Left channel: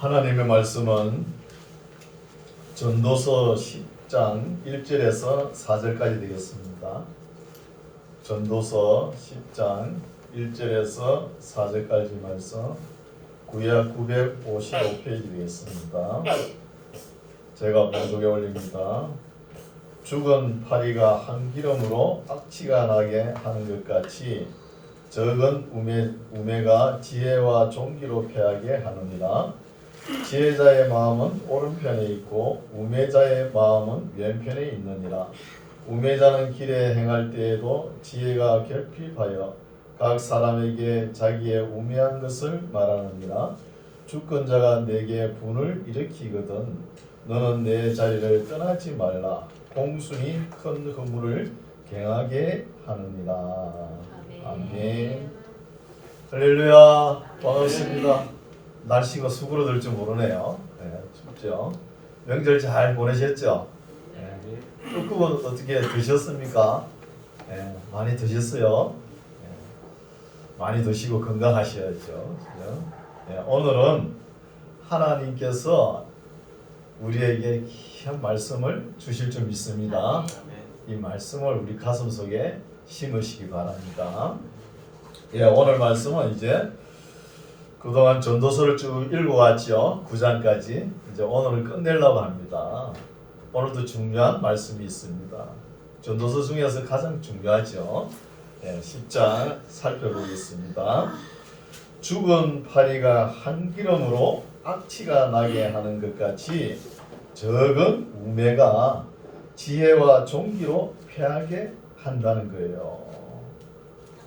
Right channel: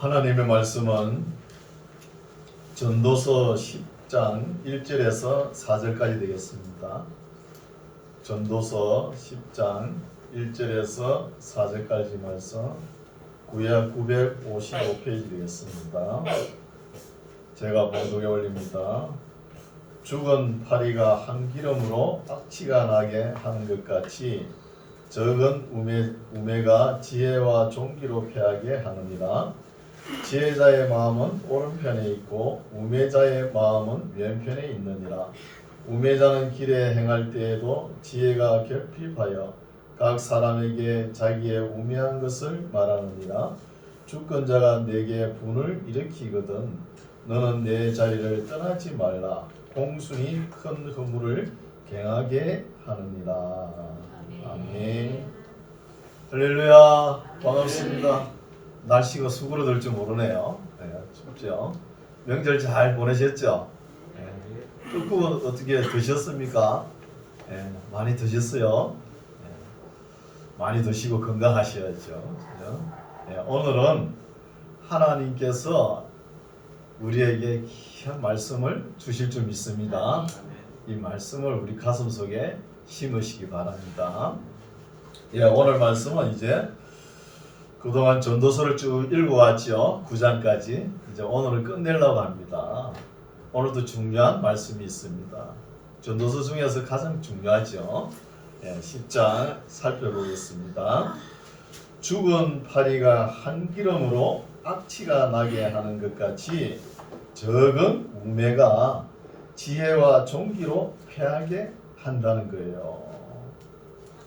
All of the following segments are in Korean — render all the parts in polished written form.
하나님의 말씀은 전도서 10장 1절에서 4절까지 되겠습니다. 전도서 10장 1절에서 4절까지 말씀, 구약 955페이지 되겠습니다. 제가 봉독에 올립니다. 죽은 파리가 한 기름으로 악취가 나게 하는 것 같이 적은 우매가 지혜와 종기로 패하게 하느니라. 지혜자의 마음은 오른편에 있고 우매자의 마음은 왼편에 있느니라. 우매자는 길에 행할 때에도 지혜가 결핍하여 각 사람에게 자기의 우매한 것을 말하느니라. 주권자가 내게 분을 일으키거든 너는 내 자리를 떠나지 말라. 공순이 큰 허물을 경하게 하느니라. 아멘. 할렐루야. 반갑습니다. 날씨가 수그러들 줄 모르네요. 네, 춥죠. 명절 잘 보내셨죠? 네. 꿀꿀은 어떻게 드셨습니까? 네, 많이 드셨어요. 네, 많이 드시고 건강하셔야죠. 네, 오늘은 하나님께서 우리에게 귀한 말씀을 주실 줄 믿습니다. 이 말씀을 우리 가슴속에 심으시기 바랍니다. 예, 오늘 말씀은 이제 그동안 전도서를 쭉 읽어왔죠. 9장까지. 이제 오늘은 끝내려고 합니다. 오늘도 중요한 말씀이 있습니다. 전도서 중에서 가장 중요하죠. 예, 10장 살펴보겠습니다. 죽은 파리가 한 기름으로 악취가 나게 하는 것 같이 적은 우매가 지혜와 종기로 패하게 한다는 거예요.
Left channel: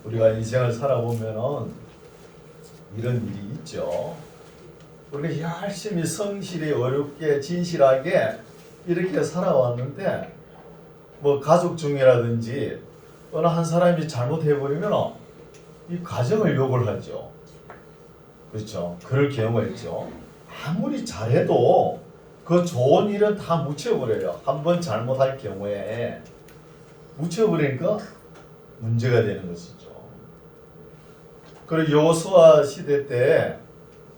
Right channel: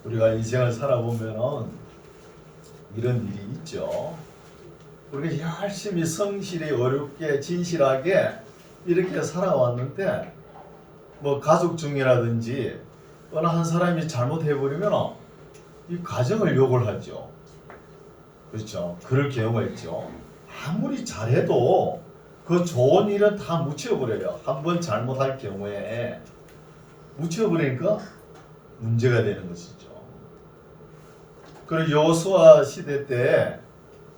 우리가 인생을 살아보면은 이런 일이 있죠. 우리가 열심히 성실히 어렵게 진실하게 이렇게 살아왔는데 뭐 가족 중이라든지 어느 한 사람이 잘못해버리면 이 가정을 욕을 하죠. 그렇죠. 그럴 경우가 있죠. 아무리 잘해도 그 좋은 일은 다 묻혀버려요. 한번 잘못할 경우에 묻혀버리니까 문제가 되는 것이죠. 그리고 여호수아 시대 때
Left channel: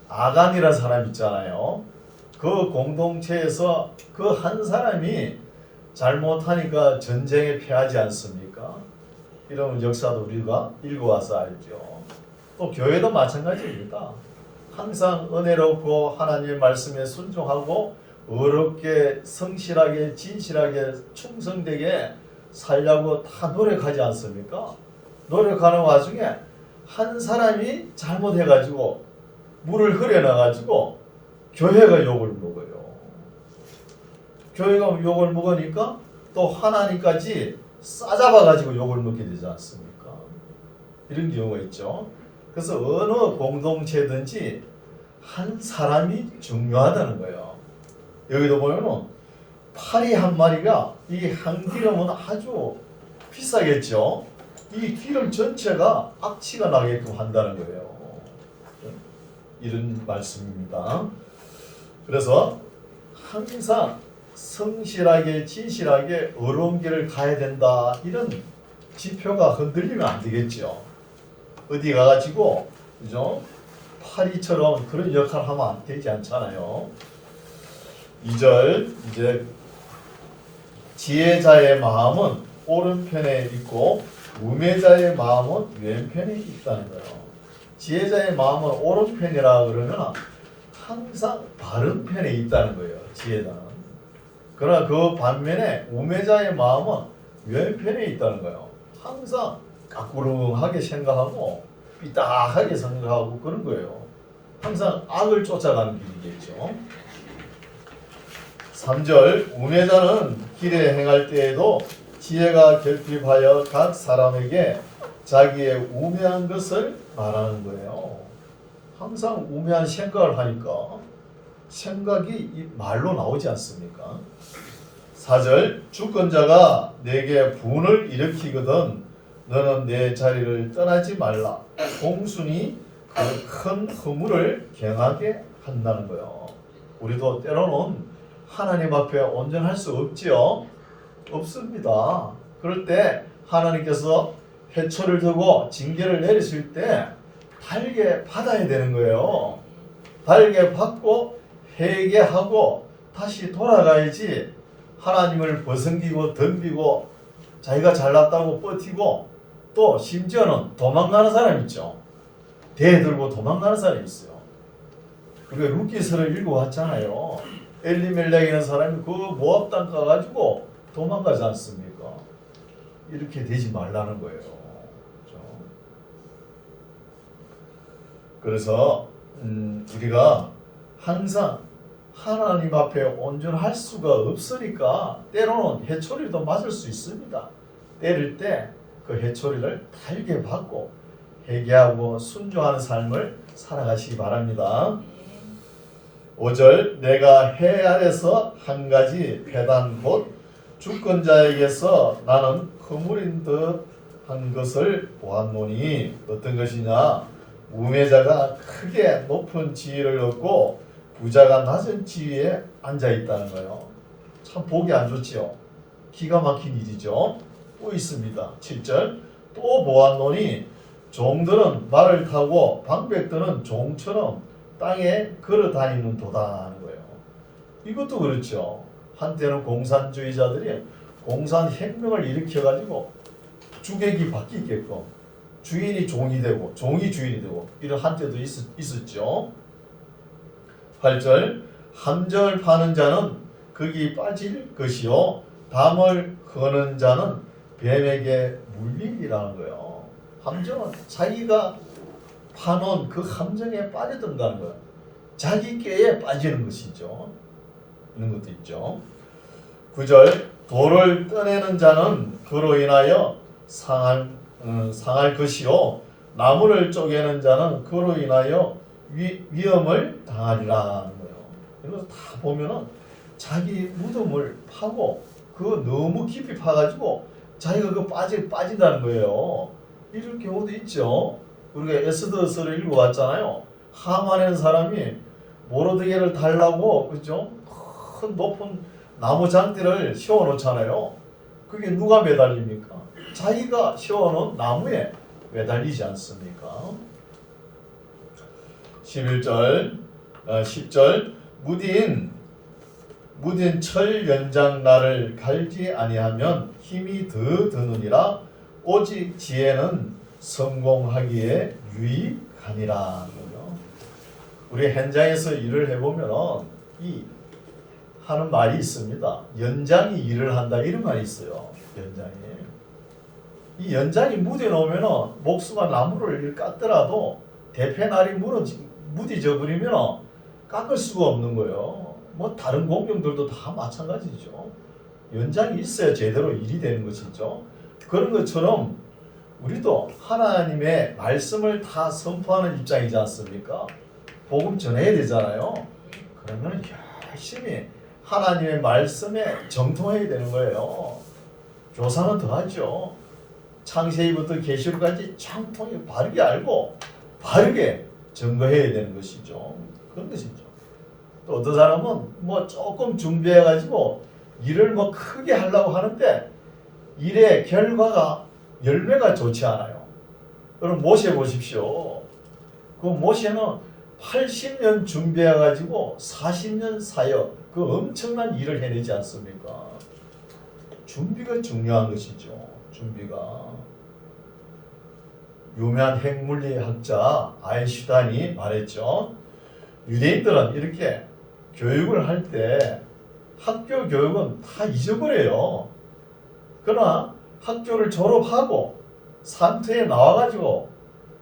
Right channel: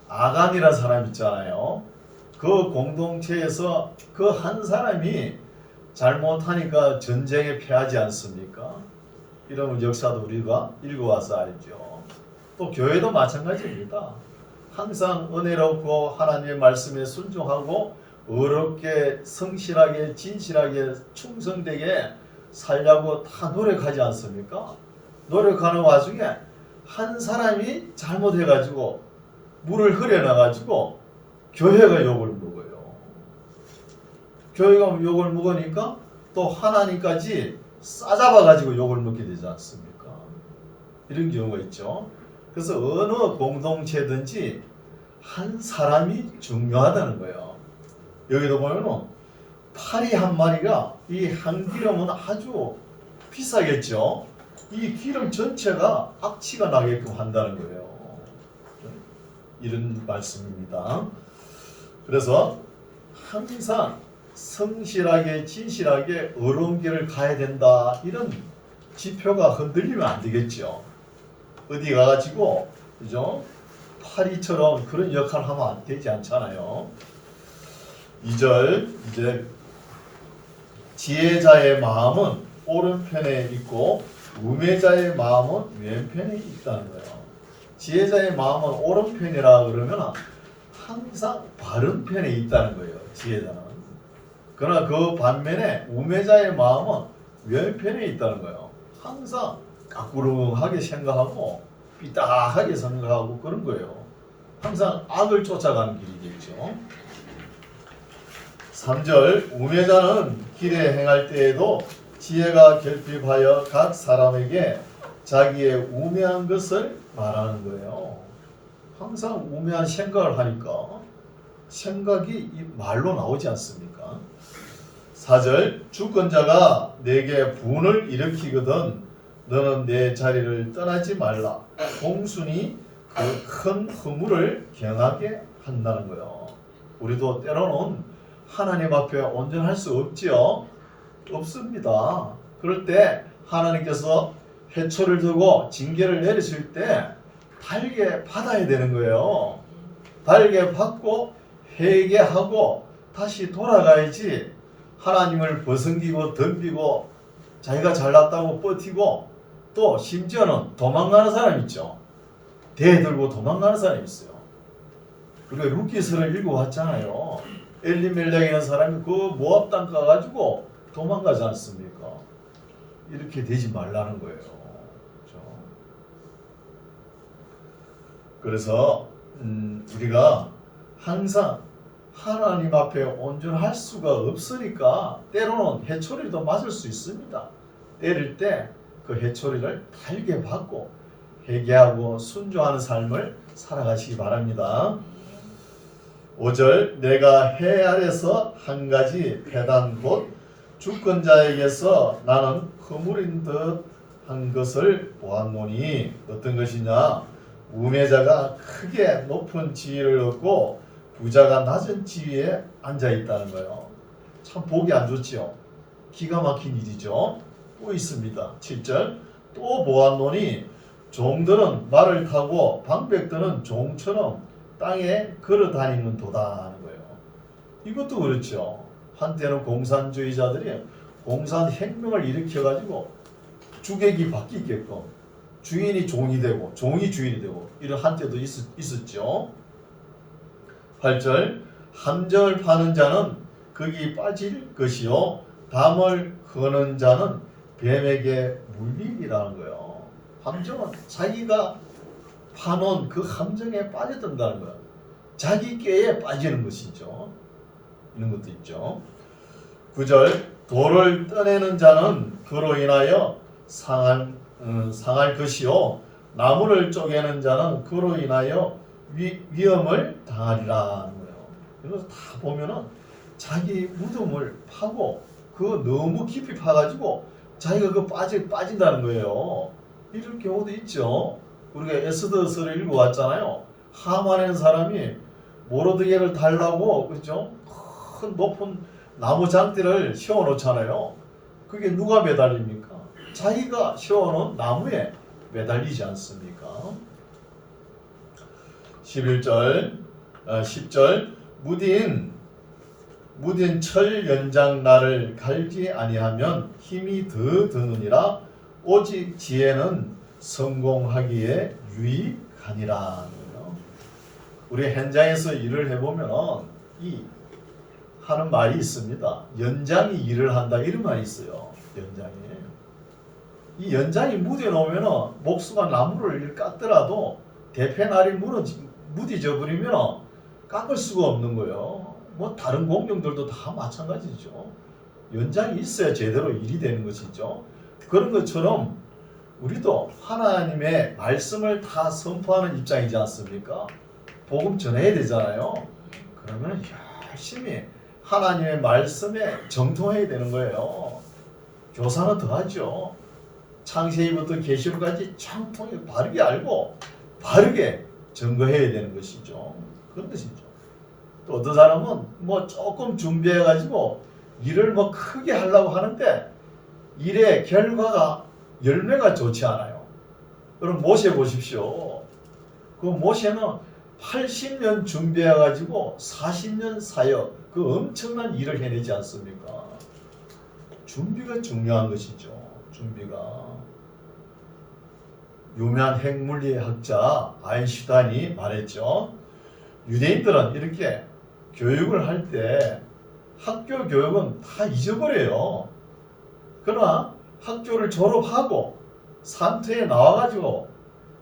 아간이라는 사람 있잖아요. 그 공동체에서 그 한 사람이 잘못하니까 전쟁에 패하지 않습니까? 이런 역사도 우리가 읽어와서 알죠. 또 교회도 마찬가지입니다. 항상 은혜롭고 하나님의 말씀에 순종하고 어렵게 성실하게 진실하게 충성되게 살려고 다 노력하지 않습니까? 노력하는 와중에 한 사람이 잘못해가지고 물을 흐려놔가지고 교회가 욕을 먹어요. 교회가 욕을 먹으니까 또 하나님까지 싸잡아가지고 욕을 먹게 되지 않습니까? 이런 경우가 있죠. 그래서 어느 공동체든지 한 사람이 중요하다는 거예요. 여기도 보면 파리 한 마리가 이 한 기름은 아주 비싸겠죠. 이 기름 전체가 악취가 나게끔 한다는 거예요. 이런 말씀입니다. 그래서 항상 성실하게 진실하게 어려운 길을 가야 된다. 이런 지표가 흔들리면 안 되겠죠. 어디 가가지고 그죠? 파리처럼 그런 역할을 하면 안 되지 않잖아요. 2절 이제 지혜자의 마음은 오른편에 있고 우매자의 마음은 왼편에 있다는 거예요. 지혜자의 마음은 오른편이라 그러면 항상 바른 편에 있다는 거예요. 지혜자는. 그러나 그 반면에 우매자의 마음은 왼편에 있다는 거예요. 항상 까꾸릉하게 생각하고 삐딱하게 생각하고 그런 거예요. 항상 악을 쫓아가는 길이겠죠. 3절 우매자는 길에 행할 때에도 지혜가 결핍하여 각 사람에게 자기의 우매한 것을 말하는 거예요. 항상 우매한 생각을 하니까 생각이 이 말로 나오지 않습니까? 4절 주권자가 내게 분을 일으키거든 너는 내 자리를 떠나지 말라. 공순이 그 큰 허물을 경하게 한다는 거예요. 우리도 때로는 하나님 앞에 온전할 수 없지요. 없습니다. 그럴 때 하나님께서 해초를 두고 징계를 내리실 때 달게 받아야 되는 거예요. 달게 받고 회개하고 다시 돌아가야지 하나님을 벗어기고 덤비고 자기가 잘났다고 버티고 또 심지어는 도망가는 사람 있죠. 대들고 도망가는 사람이 있어요. 우리가 룻기서를 읽어왔잖아요. 엘리멜렉이라는 사람이 그 모압 땅 가가지고 도망가지 않습니까? 이렇게 되지 말라는 거예요. 그렇죠? 그래서 우리가 항상 하나님 앞에 온전할 수가 없으니까 때로는 해초리도 맞을 수 있습니다. 때릴 때 그 해초리를 달게 받고 회개하고 순종하는 삶을 살아가시기 바랍니다. 5절 내가 해 아래서 한 가지 배단 곧 주권자에게서 나는 허물인 듯 한 것을 보았노니 어떤 것이냐 우매자가 크게 높은 지위를 얻고 부자가 낮은 지위에 앉아 있다는 거예요. 참 보기 안 좋지요. 기가 막힌 일이죠. 또 있습니다. 7절 또 보았노니 종들은 말을 타고 방백들은 종처럼 땅에 걸어 다니는 도다 하는 거예요. 이것도 그렇죠. 한때는 공산주의자들이 공산혁명을 일으켜가지고 주객이 바뀌게끔 주인이 종이 되고 종이 주인이 되고 이런 한때도 있었죠. 8절 함정을 파는 자는 거기 빠질 것이요 담을 허는 자는 뱀에게 물리리라는 거예요. 함정은 자기가 파놓은 그 함정에 빠져든다는 거예요. 자기 꾀에 빠지는 것이죠. 이런 것도 있죠. 9절 돌을 떠내는 자는 그로 인하여 상할 것이요 나무를 쪼개는 자는 그로 인하여 위험을 당하리라 하는 거예요. 그래서 다 보면은 자기 무덤을 파고 그거 너무 깊이 파가지고 자기가 그 빠진다는 거예요. 이럴 경우도 있죠. 우리가 에스더서를 읽어왔잖아요. 하만이라는 사람이 모르드게를 달라고 그죠? 큰 높은 나무 장대를 세워놓잖아요. 그게 누가 매달립니까? 자기가 세워놓은 나무에 매달리지 않습니까? 11절, 10절 무딘 철 연장 나를 갈지 아니하면 힘이 더 드느니라 오직 지혜는 성공하기에 유익하니라. 우리 현장에서 일을 해보면 이 하는 말이 있습니다. 연장이 일을 한다 이런 말이 있어요. 연장이 이 연장이 무뎌 놓으면 목수가 나무를 깎더라도 대패날이 무디져 버리면 깎을 수가 없는 거예요. 뭐 다른 공룡들도 다 마찬가지죠. 연장이 있어야 제대로 일이 되는 것이죠. 그런 것처럼 우리도 하나님의 말씀을 다 선포하는 입장이지 않습니까? 복음 전해야 되잖아요. 그러면 열심히 하나님의 말씀에 정통해야 되는 거예요. 교사는 더하죠. 창세기부터 계시록까지 정통히 바르게 알고 바르게 증거해야 되는 것이죠. 그런 것이죠. 또 어떤 사람은 뭐 조금 준비해가지고 일을 뭐 크게 하려고 하는데 일의 결과가 열매가 좋지 않아요. 그럼 모세 보십시오. 그 모세는 80년 준비해가지고 40년 사역 그 엄청난 일을 해내지 않습니까? 준비가 중요한 것이죠. 준비가. 유명한 핵물리학자 아인슈타인이 말했죠. 유대인들은 이렇게 교육을 할 때 학교 교육은 다 잊어버려요. 그러나 학교를 졸업하고 산터에 나와가지고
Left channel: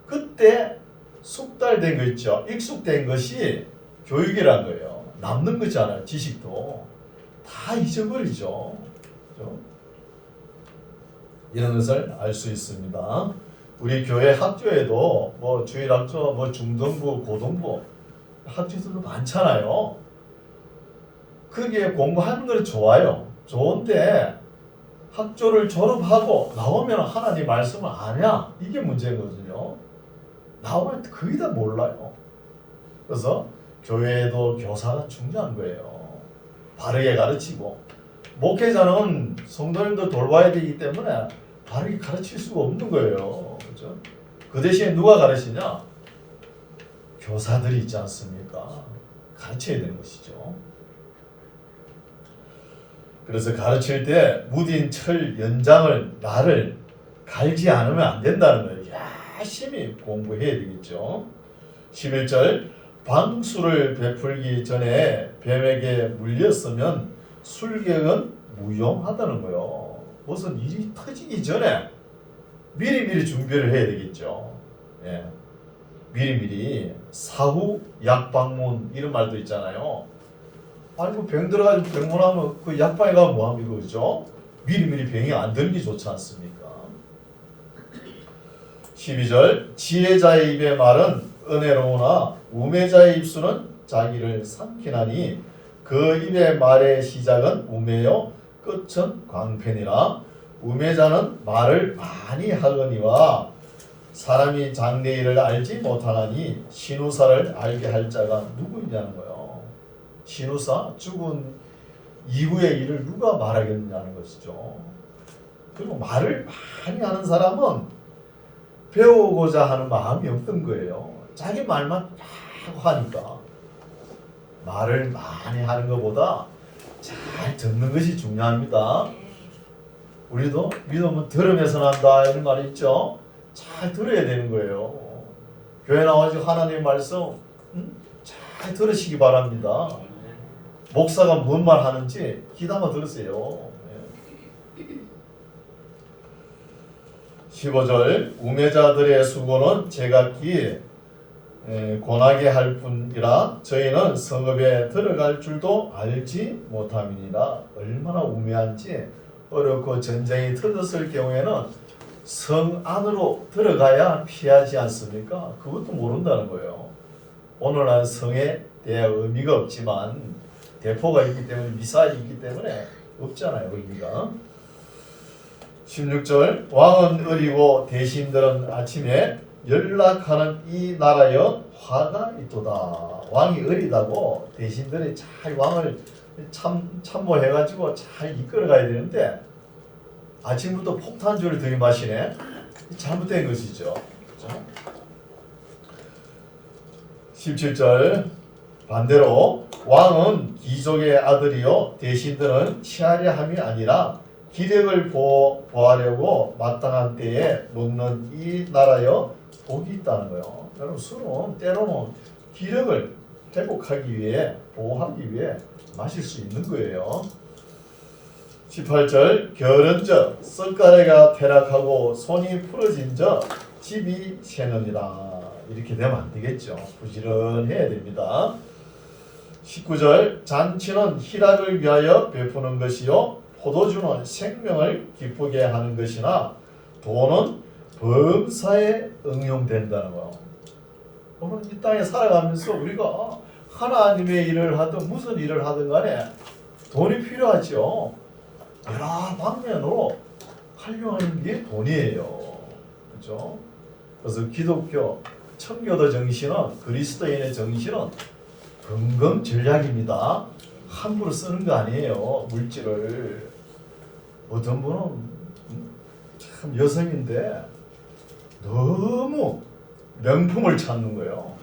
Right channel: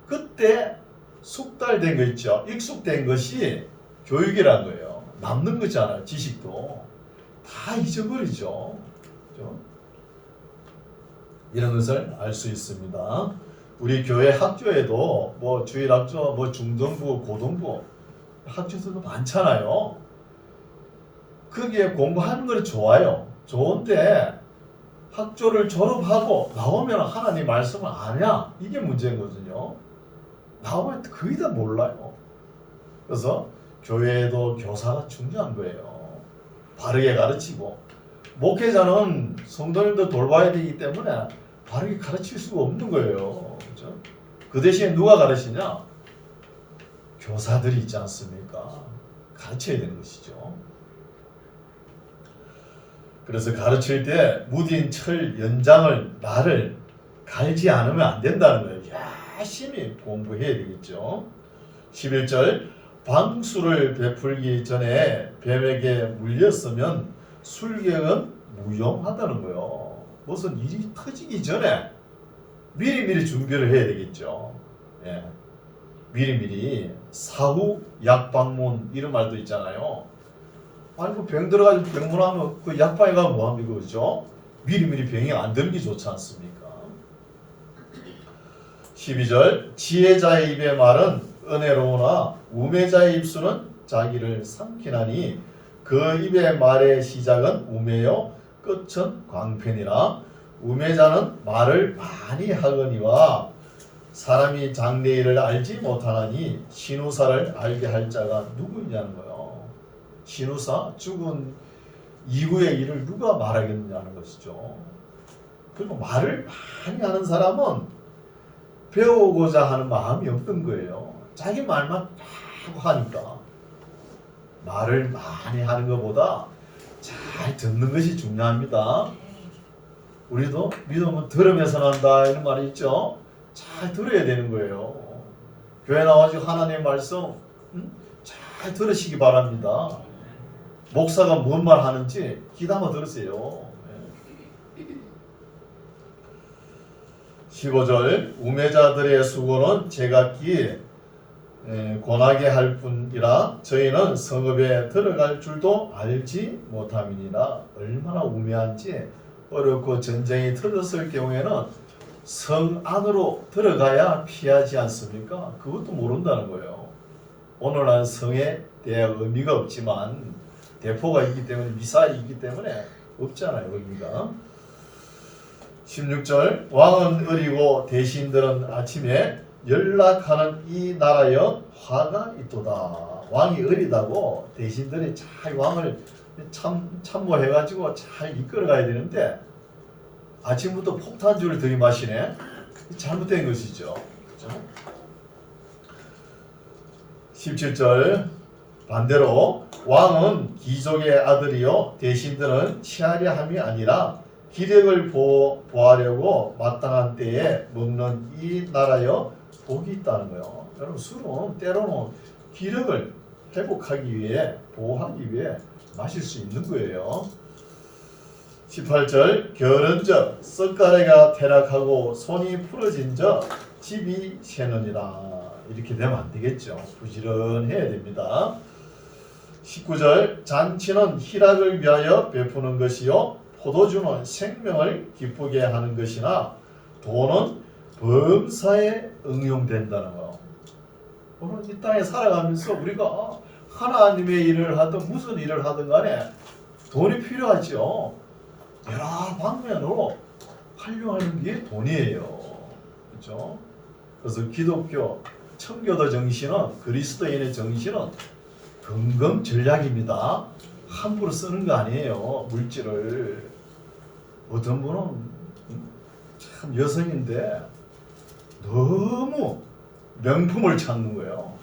그때 숙달된 거 있죠. 익숙된 것이 교육이란 거예요. 남는 거잖아요. 지식도 다 잊어버리죠. 그렇죠? 이런 것을 알 수 있습니다. 우리 교회 학교에도 뭐 주일학교, 뭐 중등부, 고등부 학교들도 많잖아요. 거기에 공부하는 건 좋아요. 좋은데 학교를 졸업하고 나오면 하나님 말씀을 아냐? 이게 문제거든요. 나오면 거의 다 몰라요. 그래서 교회에도 교사가 중요한 거예요. 바르게 가르치고 목회자는 성도님들 돌봐야 되기 때문에 바르게 가르칠 수가 없는 거예요. 그렇죠? 그 대신에 누가 가르치냐? 교사들이 있지 않습니까? 가르쳐야 되는 것이죠. 그래서 가르칠 때 무딘 철 연장을 날을 갈지 않으면 안 된다는 거예요. 열심히 공부해야 되겠죠. 11절 방수를 베풀기 전에 뱀에게 물렸으면 술객은 무용하다는 거예요. 무슨 일이 터지기 전에 미리미리 준비를 해야 되겠죠. 예. 미리미리 사후 약방문 이런 말도 있잖아요. 아니 뭐 병 들어가지고 병문하면 그 약방에 가면 뭐합니까, 그죠? 미리미리 병이 안 들기 좋지 않습니까? 12절 지혜자의 입의 말은 은혜로우나 우매자의 입술은 자기를 삼키나니 그 입의 말의 시작은 우매요 끝은 광편이라. 우매자는 말을 많이 하거니와 사람이 장래일을 알지 못하나니 신우사를 알게 할 자가 누구이냐는 거예요. 신우사, 죽은 이후의 일을 누가 말하겠느냐는 것이죠. 그리고 말을 많이 하는 사람은 배우고자 하는 마음이 없던 거예요. 자기 말만 막 하니까. 말을 많이 하는 것보다 잘 듣는 것이 중요합니다. 우리도 믿음은 들으면서 난다 이런 말이 있죠. 잘 들어야 되는 거예요. 교회 나와서 하나님의 말씀 잘 들으시기 바랍니다. 목사가 뭔 말 하는지 귀담아 들으세요. 15절 우매자들의 수고는 제각기 권하게 할 뿐이라 저희는 성읍에 들어갈 줄도 알지 못함이니라. 얼마나 우매한지. 어렵고 전쟁이 터졌을 경우에는 성 안으로 들어가야 피하지 않습니까? 그것도 모른다는 거예요. 오늘날 성에 대한 의미가 없지만 대포가 있기 때문에, 미사일이 있기 때문에 없잖아요, 의미가. 16절 왕은 어리고 대신들은 아침에 연락하는 이 나라여 화가 있도다. 왕이 어리다고 대신들이 잘 왕을 참모해가지고 잘 이끌어가야 되는데 아침부터 폭탄주를 들이마시네. 잘못된 것이죠. 그렇죠? 17절 반대로 왕은 귀족의 아들이요 대신들은 치하려 함이 아니라 기력을 보하려고 마땅한 때에 먹는 이 나라여 복이 있다는 거예요. 여러분 술은 때로는 기력을 회복하기 위해, 보호하기 위해 마실 수 있는 거예요. 18절 결은적 썩가래가 퇴락하고 손이 풀어진적 집이 새느니라. 이렇게 되면 안 되겠죠. 부지런해야 됩니다. 19절 잔치는 희락을 위하여 베푸는 것이요 포도주는 생명을 기쁘게 하는 것이나 돈은 범사에 응용된다는 거예요. 오늘 이 땅에 살아가면서 우리가 하나님의 일을 하든 무슨 일을 하든 간에 돈이 필요하죠. 여러 방면으로 활용하는 게 돈이에요. 그렇죠? 그래서 기독교 청교도 정신은, 그리스도인의 정신은 금금 전략입니다. 함부로 쓰는 거 아니에요. 물질을. 어떤 분은 참 여성인데 너무 명품을 찾는 거예요.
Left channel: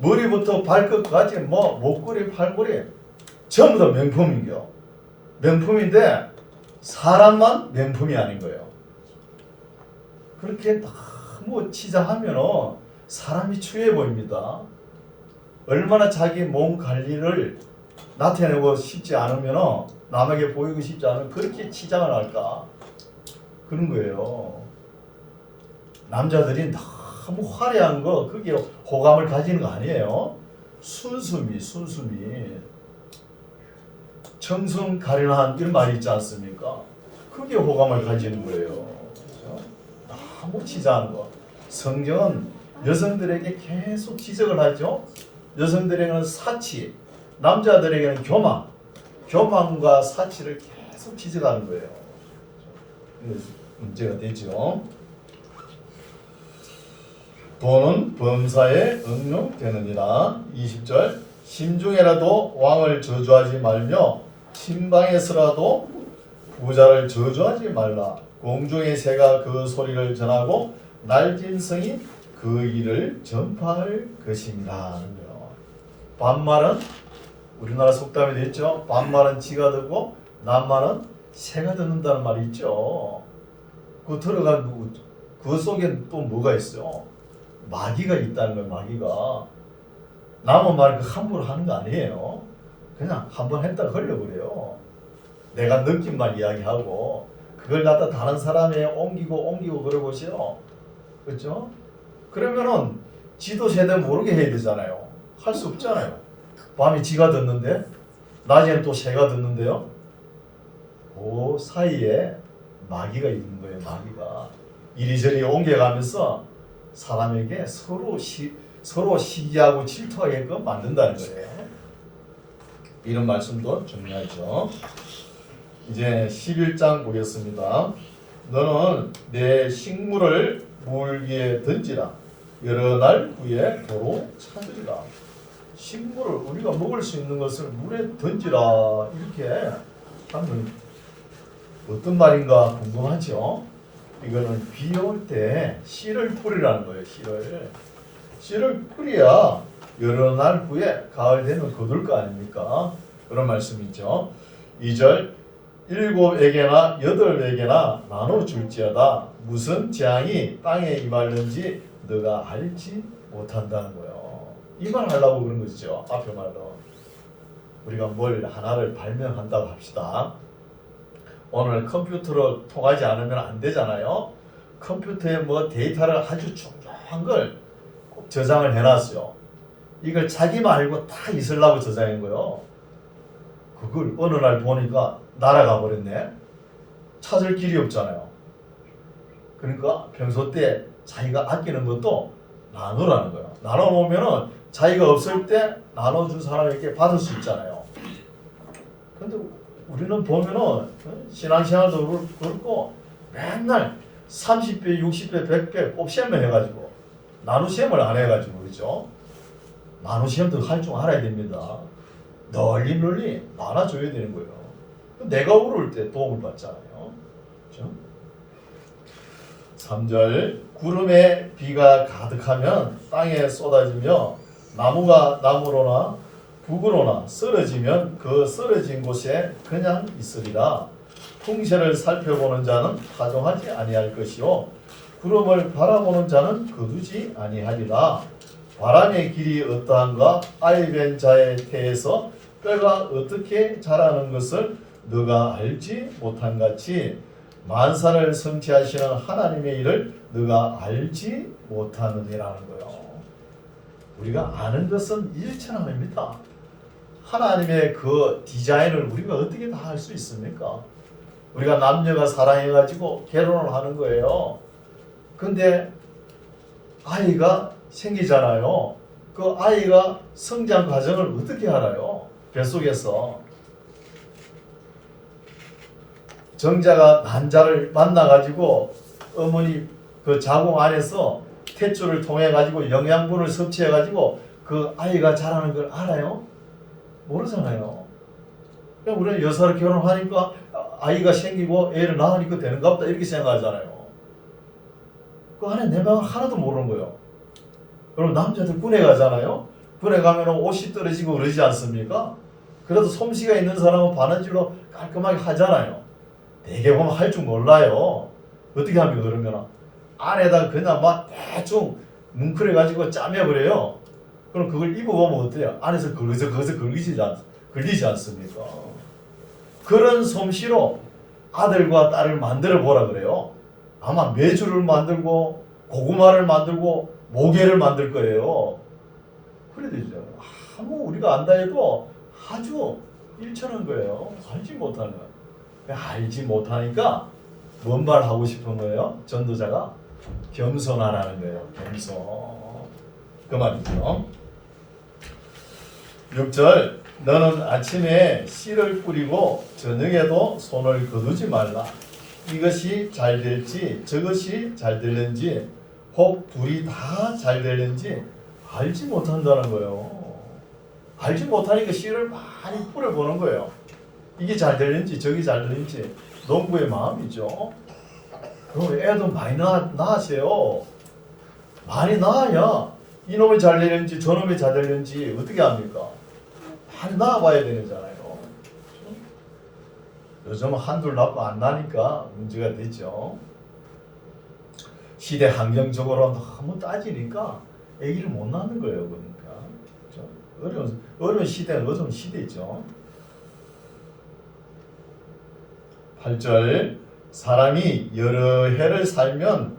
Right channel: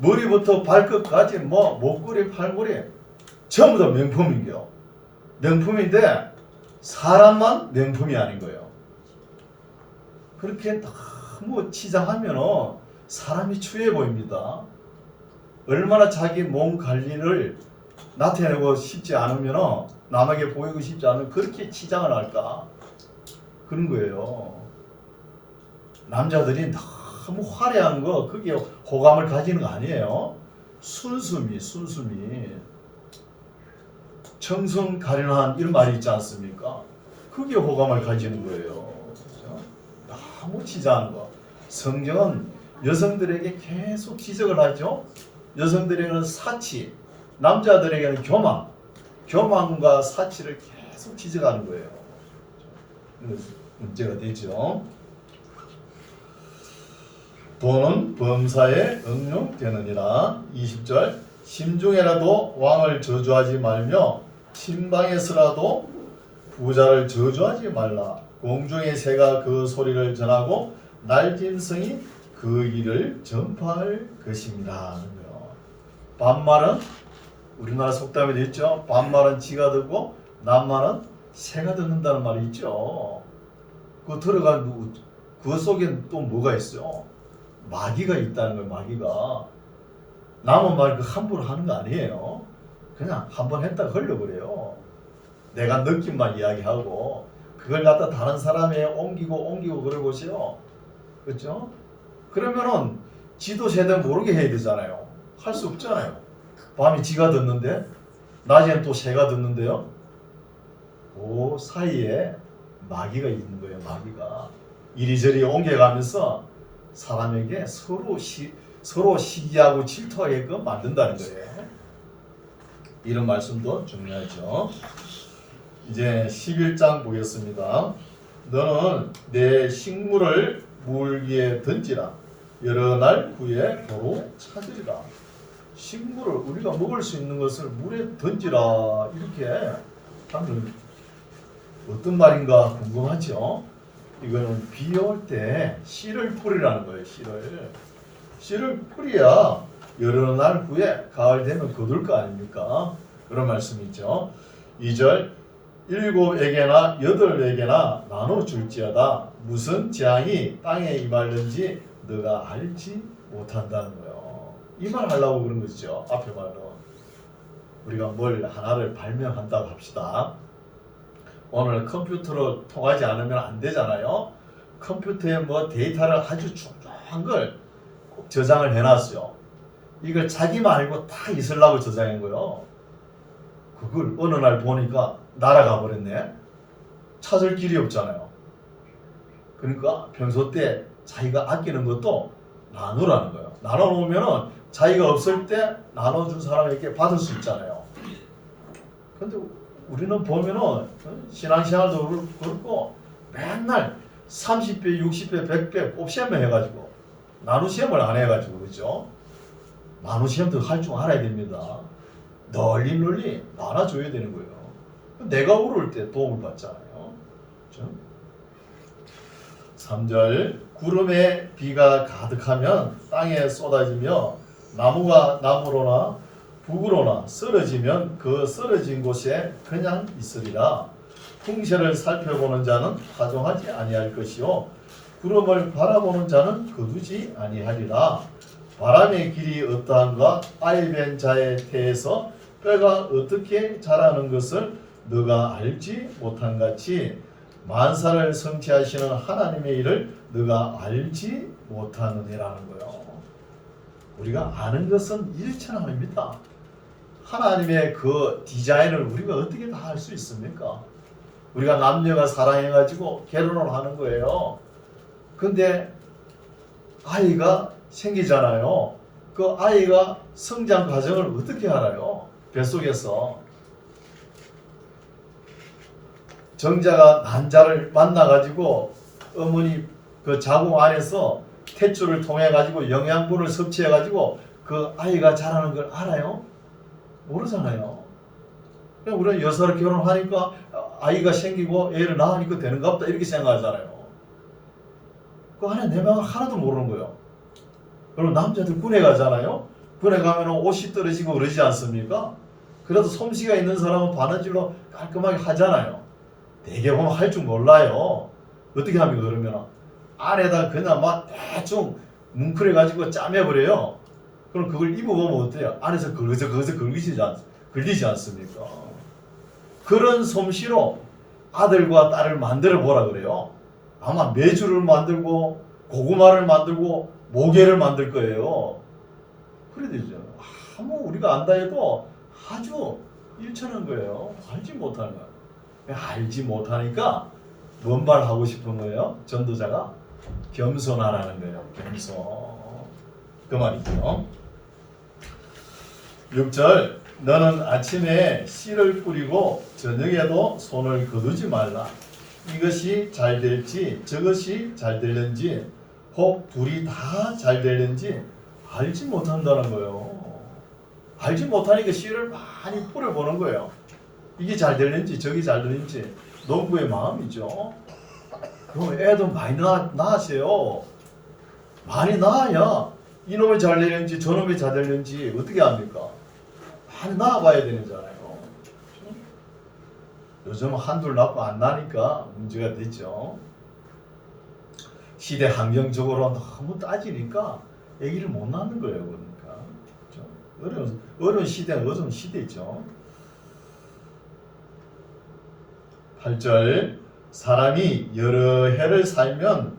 머리부터 발끝까지 뭐 목걸이, 팔걸이 전부 다 명품인겨. 명품인데 사람만 명품이 아닌 거예요. 그렇게 너무 치장하면 사람이 추해 보입니다. 얼마나 자기 몸 관리를 나타내고 싶지 않으면, 남에게 보이고 싶지 않으면 그렇게 치장을 할까? 그런 거예요. 남자들이 너무 화려한 거, 그게 호감을 가지는 거 아니에요. 순수미. 청순 가련한 이런 말이 있지 않습니까? 그게 호감을 가지는 거예요. 그렇죠? 너무 치장하는 거. 성경은 여성들에게 계속 지적을 하죠. 여성들에게는 사치, 남자들에게는 교만과 사치를 계속 지적하는 거예요. 문제가 되죠. 돈은 범사에 응용되느니라. 20절 심중에라도 왕을 저주하지 말며 침방에서라도 부자를 저주하지 말라. 공중의 새가 그 소리를 전하고 날짐승이 그 일을 전파할 것입니다. 반말은 우리나라 속담에도 있죠. 반말은 쥐가 듣고 낱말은 새가 듣는다는 말이 있죠. 그 들어간 그 속엔 또 뭐가 있어요? 마귀가 있다는 거예요. 마귀가. 남의 말 그 함부로 하는 거 아니에요. 그냥 한번 했다가 흘려버려요. 내가 느낌만 이야기하고 그걸 갖다 다른 사람에 옮기고 그러고요. 그렇죠? 그러면은 지도 제대로 모르게 해야 되잖아요. 할 수 없잖아요. 밤에 쥐가 듣는데 낮에는 또 새가 듣는데요. 그 사이에 마귀가 있는 거예요. 마귀가 이리저리 옮겨가면서 사람에게 서로 시기하고 질투하게끔 만든다는 거예요. 이런 말씀도 중요하죠. 이제 11장 보겠습니다. 너는 내 식물을 물 위에 던지라. 여러 날 후에 도로 찾으리라. 식물을 우리가 먹을 수 있는 것을 물에 던지라 이렇게 하면 어떤 말인가 궁금하죠? 이거는 비 올 때 씨를 뿌리라는 거예요. 씨를 뿌려야 여러 날 후에 가을 되면 거둘 거 아닙니까? 그런 말씀이죠. 2절 7에게나 8에게나 나눠줄지어다. 무슨 재앙이 땅에 임하는지 너가 알지 못한다는 거예요. 이 말 하려고 그런 것이죠. 앞에 말로 우리가 뭘 하나를 발명한다고 합시다. 오늘 컴퓨터로 통하지 않으면 안 되잖아요. 컴퓨터에 뭐 데이터를 아주 중요한 걸 꼭 저장을 해놨어요. 이걸 자기만 알고 다 있으려고 저장한 거예요. 그걸 어느 날 보니까 날아가 버렸네. 찾을 길이 없잖아요. 그러니까 평소 때 자기가 아끼는 것도 나누라는 거예요. 나눠놓으면은 자기가 없을 때 나눠준 사람에게 받을 수 있잖아요. 근데 우리는 보면은 신앙생활도 그렇고 맨날 30배, 60배, 100배 곱셈을 해가지고 나누셈을 안 해가지고 그렇죠? 나누셈도 할 줄 알아야 됩니다. 널리 나눠줘야 되는 거예요. 내가 오를 때 도움을 받잖아요. 그렇죠? 3절 구름에 비가 가득하면 땅에 쏟아지며 나무가 나무로나 북으로나 쓰러지면 그 쓰러진 곳에 그냥 있으리라. 풍세를 살펴보는 자는 하종하지 아니할 것이요 구름을 바라보는 자는 거두지 아니하리라. 바람의 길이 어떠한가 아이벤 자의 태에서 뼈가 어떻게 자라는 것을 너가 알지 못한 같이 만사를 성취하시는 하나님의 일을 너가 알지 못하느니라는 거예요. 우리가 아는 것은 일천하입니다. 하나님의 그 디자인을 우리가 어떻게 다 할 수 있습니까? 우리가 남녀가 사랑해가지고 결혼을 하는 거예요. 근데 아이가 생기잖아요. 그 아이가 성장 과정을 어떻게 알아요? 뱃속에서 정자가 난자를 만나가지고 어머니 그 자궁 안에서 탯줄을 통해가지고 영양분을 섭취해가지고 그 아이가 자라는 걸 알아요? 모르잖아요. 그냥 우리는 여사를 결혼하니까 아이가 생기고 애를 낳으니까 되는가 보다 이렇게 생각하잖아요. 그 안에 내면은 하나도 모르는 거예요. 그럼 남자들 군에 가잖아요. 군에 가면 옷이 떨어지고 그러지 않습니까? 그래도 솜씨가 있는 사람은 바느질로 깔끔하게 하잖아요. 되게 보면 할 줄 몰라요. 어떻게 하면 그러면 안에다 그냥 막 대충 뭉클해가지고 짜매버려요. 그럼 그걸 입어보면 어때요? 안에서 거기서 걸리지 않습니까? 그런 솜씨로 아들과 딸을 만들어 보라 그래요. 아마 메주를 만들고 고구마를 만들고 모개를 만들 거예요. 그래 되죠. 아무 우리가 안다 해도 아주 일천한 거예요. 알지 못하는 거예요. 알지 못하니까 뭔 말 하고 싶은 거예요? 전도자가 겸손하라는 거예요. 겸손. 그 말이죠. 6절 너는 아침에 씨를 뿌리고 저녁에도 손을 거두지 말라. 이것이 잘 될지 저것이 잘 될는지 혹 둘이 다 잘 될는지 알지 못한다는 거예요. 알지 못하니까 씨를 많이 뿌려보는 거예요. 이게 잘 될는지 저게 잘 될는지 농부의 마음이죠. 그럼 애도 많이 낳으세요. 많이 낳아야 이놈이 잘 되는지 저놈이 잘 되는지 어떻게 합니까? 많이 나와봐야 되잖아요. 요즘 한둘 낳고 안 나니까 문제가 되죠. 시대 환경적으로 너무 따지니까 아기를 못 낳는 거예요. 그러니까 어려운 시대는 어려운 시대죠. 8절 사람이 여러 해를 살면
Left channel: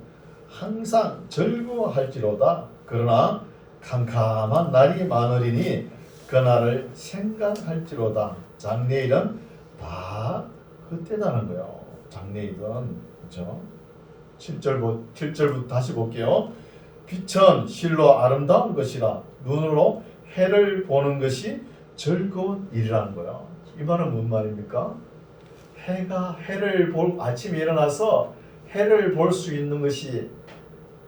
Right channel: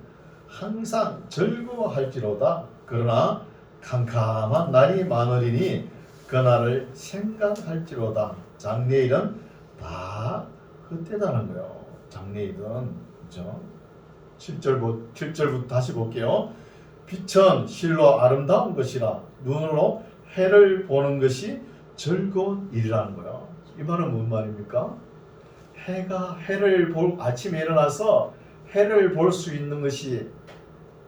항상 즐거워할지로다. 그러나 캄캄한 날이 많으리니 그날을 생각할지로다. 장래일은 다 헛되다는 거예요. 장래일은 그죠? 7절부터 다시 볼게요. 빛은 실로 아름다운 것이라 눈으로 해를 보는 것이 즐거운 일이라는 거예요. 이 말은 무슨 말입니까? 해를 아침에 일어나서 해를 볼 수 있는 것이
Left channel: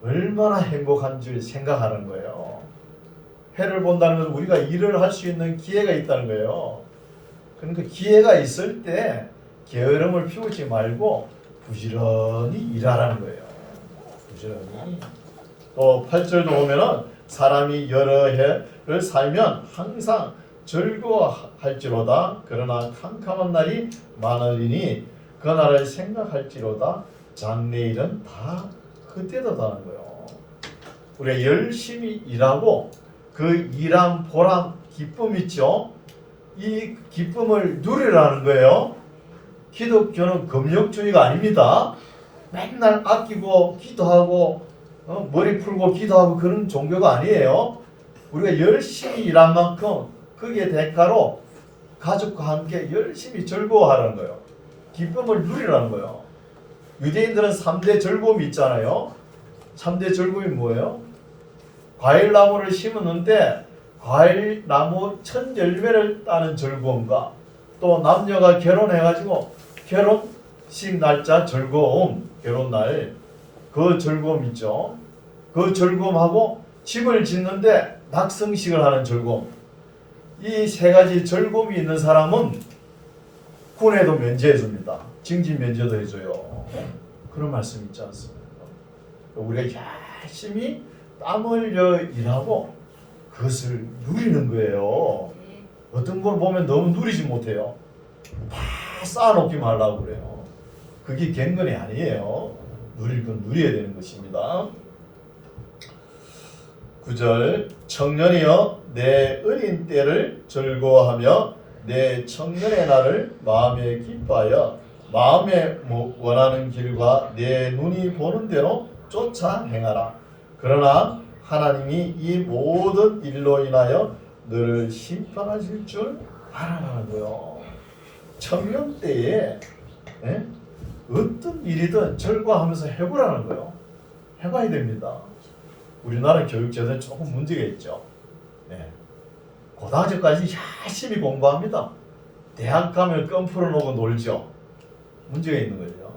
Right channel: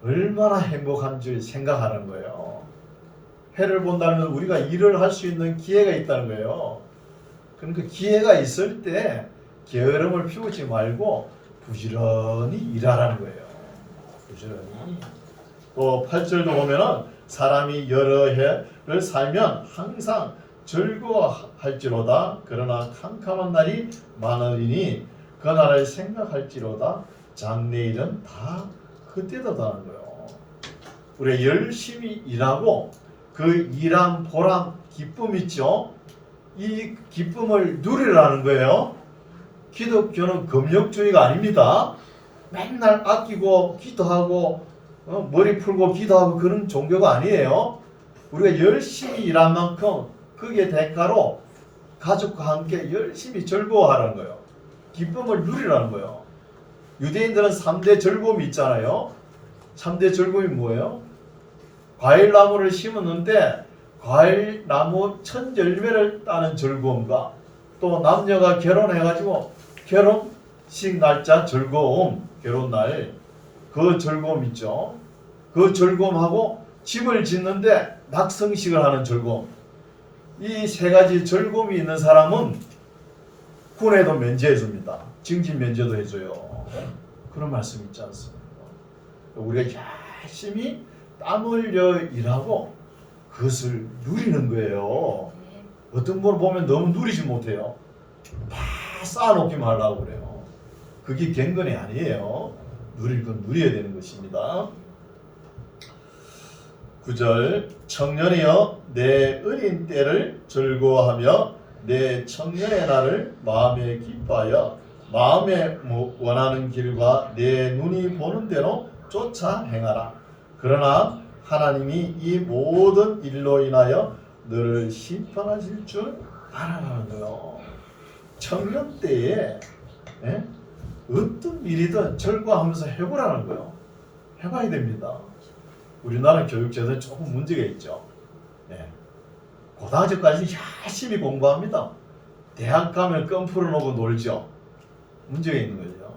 얼마나 행복한 줄 생각하는 거예요. 해를 본다는 건 우리가 일을 할 수 있는 기회가 있다는 거예요. 그러니까 기회가 있을 때 게으름을 피우지 말고 부지런히 일하라는 거예요. 부지런히. 또 8절도 보면은 사람이 여러 해를 살면 항상 즐거워할지로다. 그러나 캄캄한 날이 많으리니 그날을 생각할지로다. 장래일은 다 헛되다는 거예요. 우리가 열심히 일하고 그 일한 보람, 기쁨 있죠. 이 기쁨을 누리라는 거예요. 기독교는 금욕주의가 아닙니다. 맨날 아끼고 기도하고 머리 풀고 기도하고 그런 종교가 아니에요. 우리가 열심히 일한 만큼 그게 대가로 가족과 함께 열심히 즐거워하라는 거예요. 기쁨을 누리라는 거예요. 유대인들은 3대 즐거움이 있잖아요. 3대 즐거움이 뭐예요? 과일나무를 심었는데 과일나무 첫 열매를 따는 즐거움과 또 남녀가 결혼해가지고 결혼식 날짜 즐거움, 결혼날 그 즐거움 있죠. 그 즐거움하고 집을 짓는데 낙성식을 하는 즐거움. 이 세 가지 즐거움이 있는 사람은 군에도 면제해 줍니다. 징집 면제도 해줘요. 그런 말씀 있지 않습니까? 우리가 열심히 땀 흘려 일하고 그것을 누리는 거예요. 어떤 걸 보면 너무 누리지 못해요. 다 쌓아놓기만 하려고 그래요. 그게 경건이 아니에요. 누릴 건 누려야 되는 것입니다. 9절 청년이여 내 어린 때를 즐거워하며 내 청년의 날을 마음에 기뻐하여 마음에 원하는 길과 내 눈이 보는 대로 쫓아 행하라. 그러나 하나님이 이 모든 일로 인하여 너를 심판하실 줄 알아라는 거예요. 청년 때에 어떤 일이든 즐거워하면서 해보라는 거예요. 해봐야 됩니다. 우리나라 교육제도에 조금 문제가 있죠. 고등학교까지 열심히 공부합니다. 대학 가면 껌 풀어놓고 놀죠. 문제가 있는 거죠.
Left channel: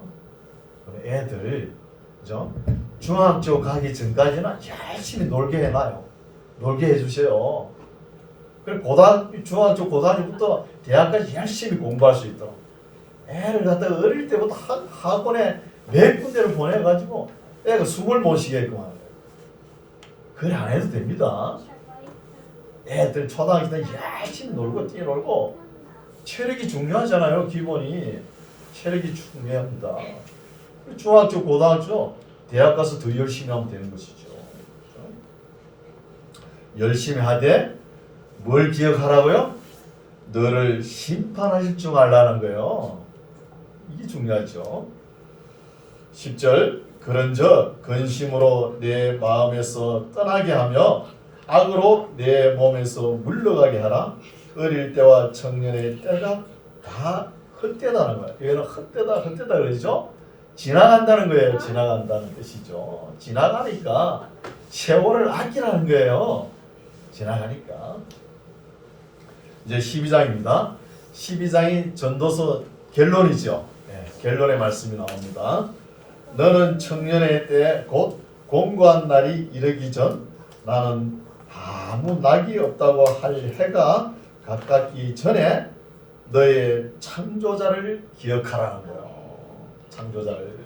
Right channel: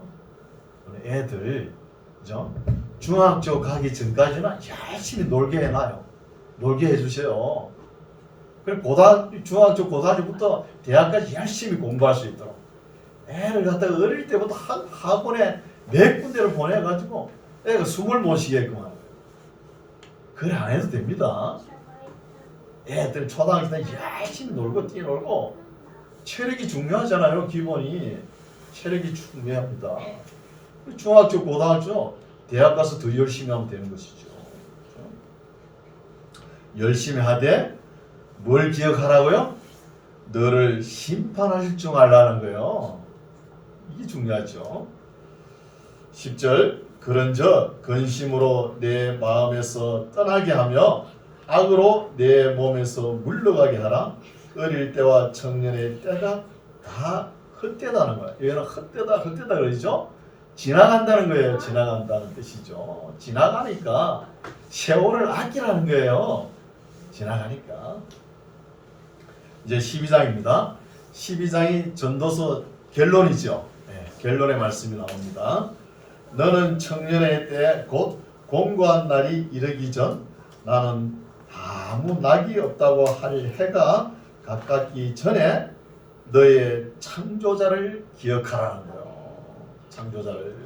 애들 그죠? 중학교 가기 전까지는 열심히 놀게 해놔요. 놀게 해주세요. 그리고 중학교, 고등학교부터 대학까지 열심히 공부할 수 있도록 애를 갖다가 어릴 때부터 학원에 몇 군데를 보내가지고 애가 숨을 못 쉬게끔 하는 거예요. 그래 안 해도 됩니다. 애들 초등학교 때 열심히 놀고 뛰어놀고 체력이 중요하잖아요. 기본이 체력이 중요합니다. 중학교, 고등학교, 대학 가서 더 열심히 하면 되는 것이죠. 열심히 하되 뭘 기억하라고요? 너를 심판하실 줄 알라는 거예요. 이게 중요하죠. 10절 그런즉 근심으로 내 마음에서 떠나게 하며 악으로 내 몸에서 물러가게 하라. 어릴 때와 청년의 때가 다 헛되다는 거예요. 얘는 헛되다 그러죠. 지나간다는 거예요. 지나간다는 뜻이죠. 지나가니까 세월을 아끼라는 거예요. 지나가니까. 이제 12장입니다. 12장이 전도서 결론이죠. 결론의 말씀이 나옵니다. 너는 청년의 때 곧 공고한 날이 이르기 전 나는 아무 낙이 없다고 할 해가 가깝기 전에 너의 창조자를 기억하라는 거예요. 창조자를.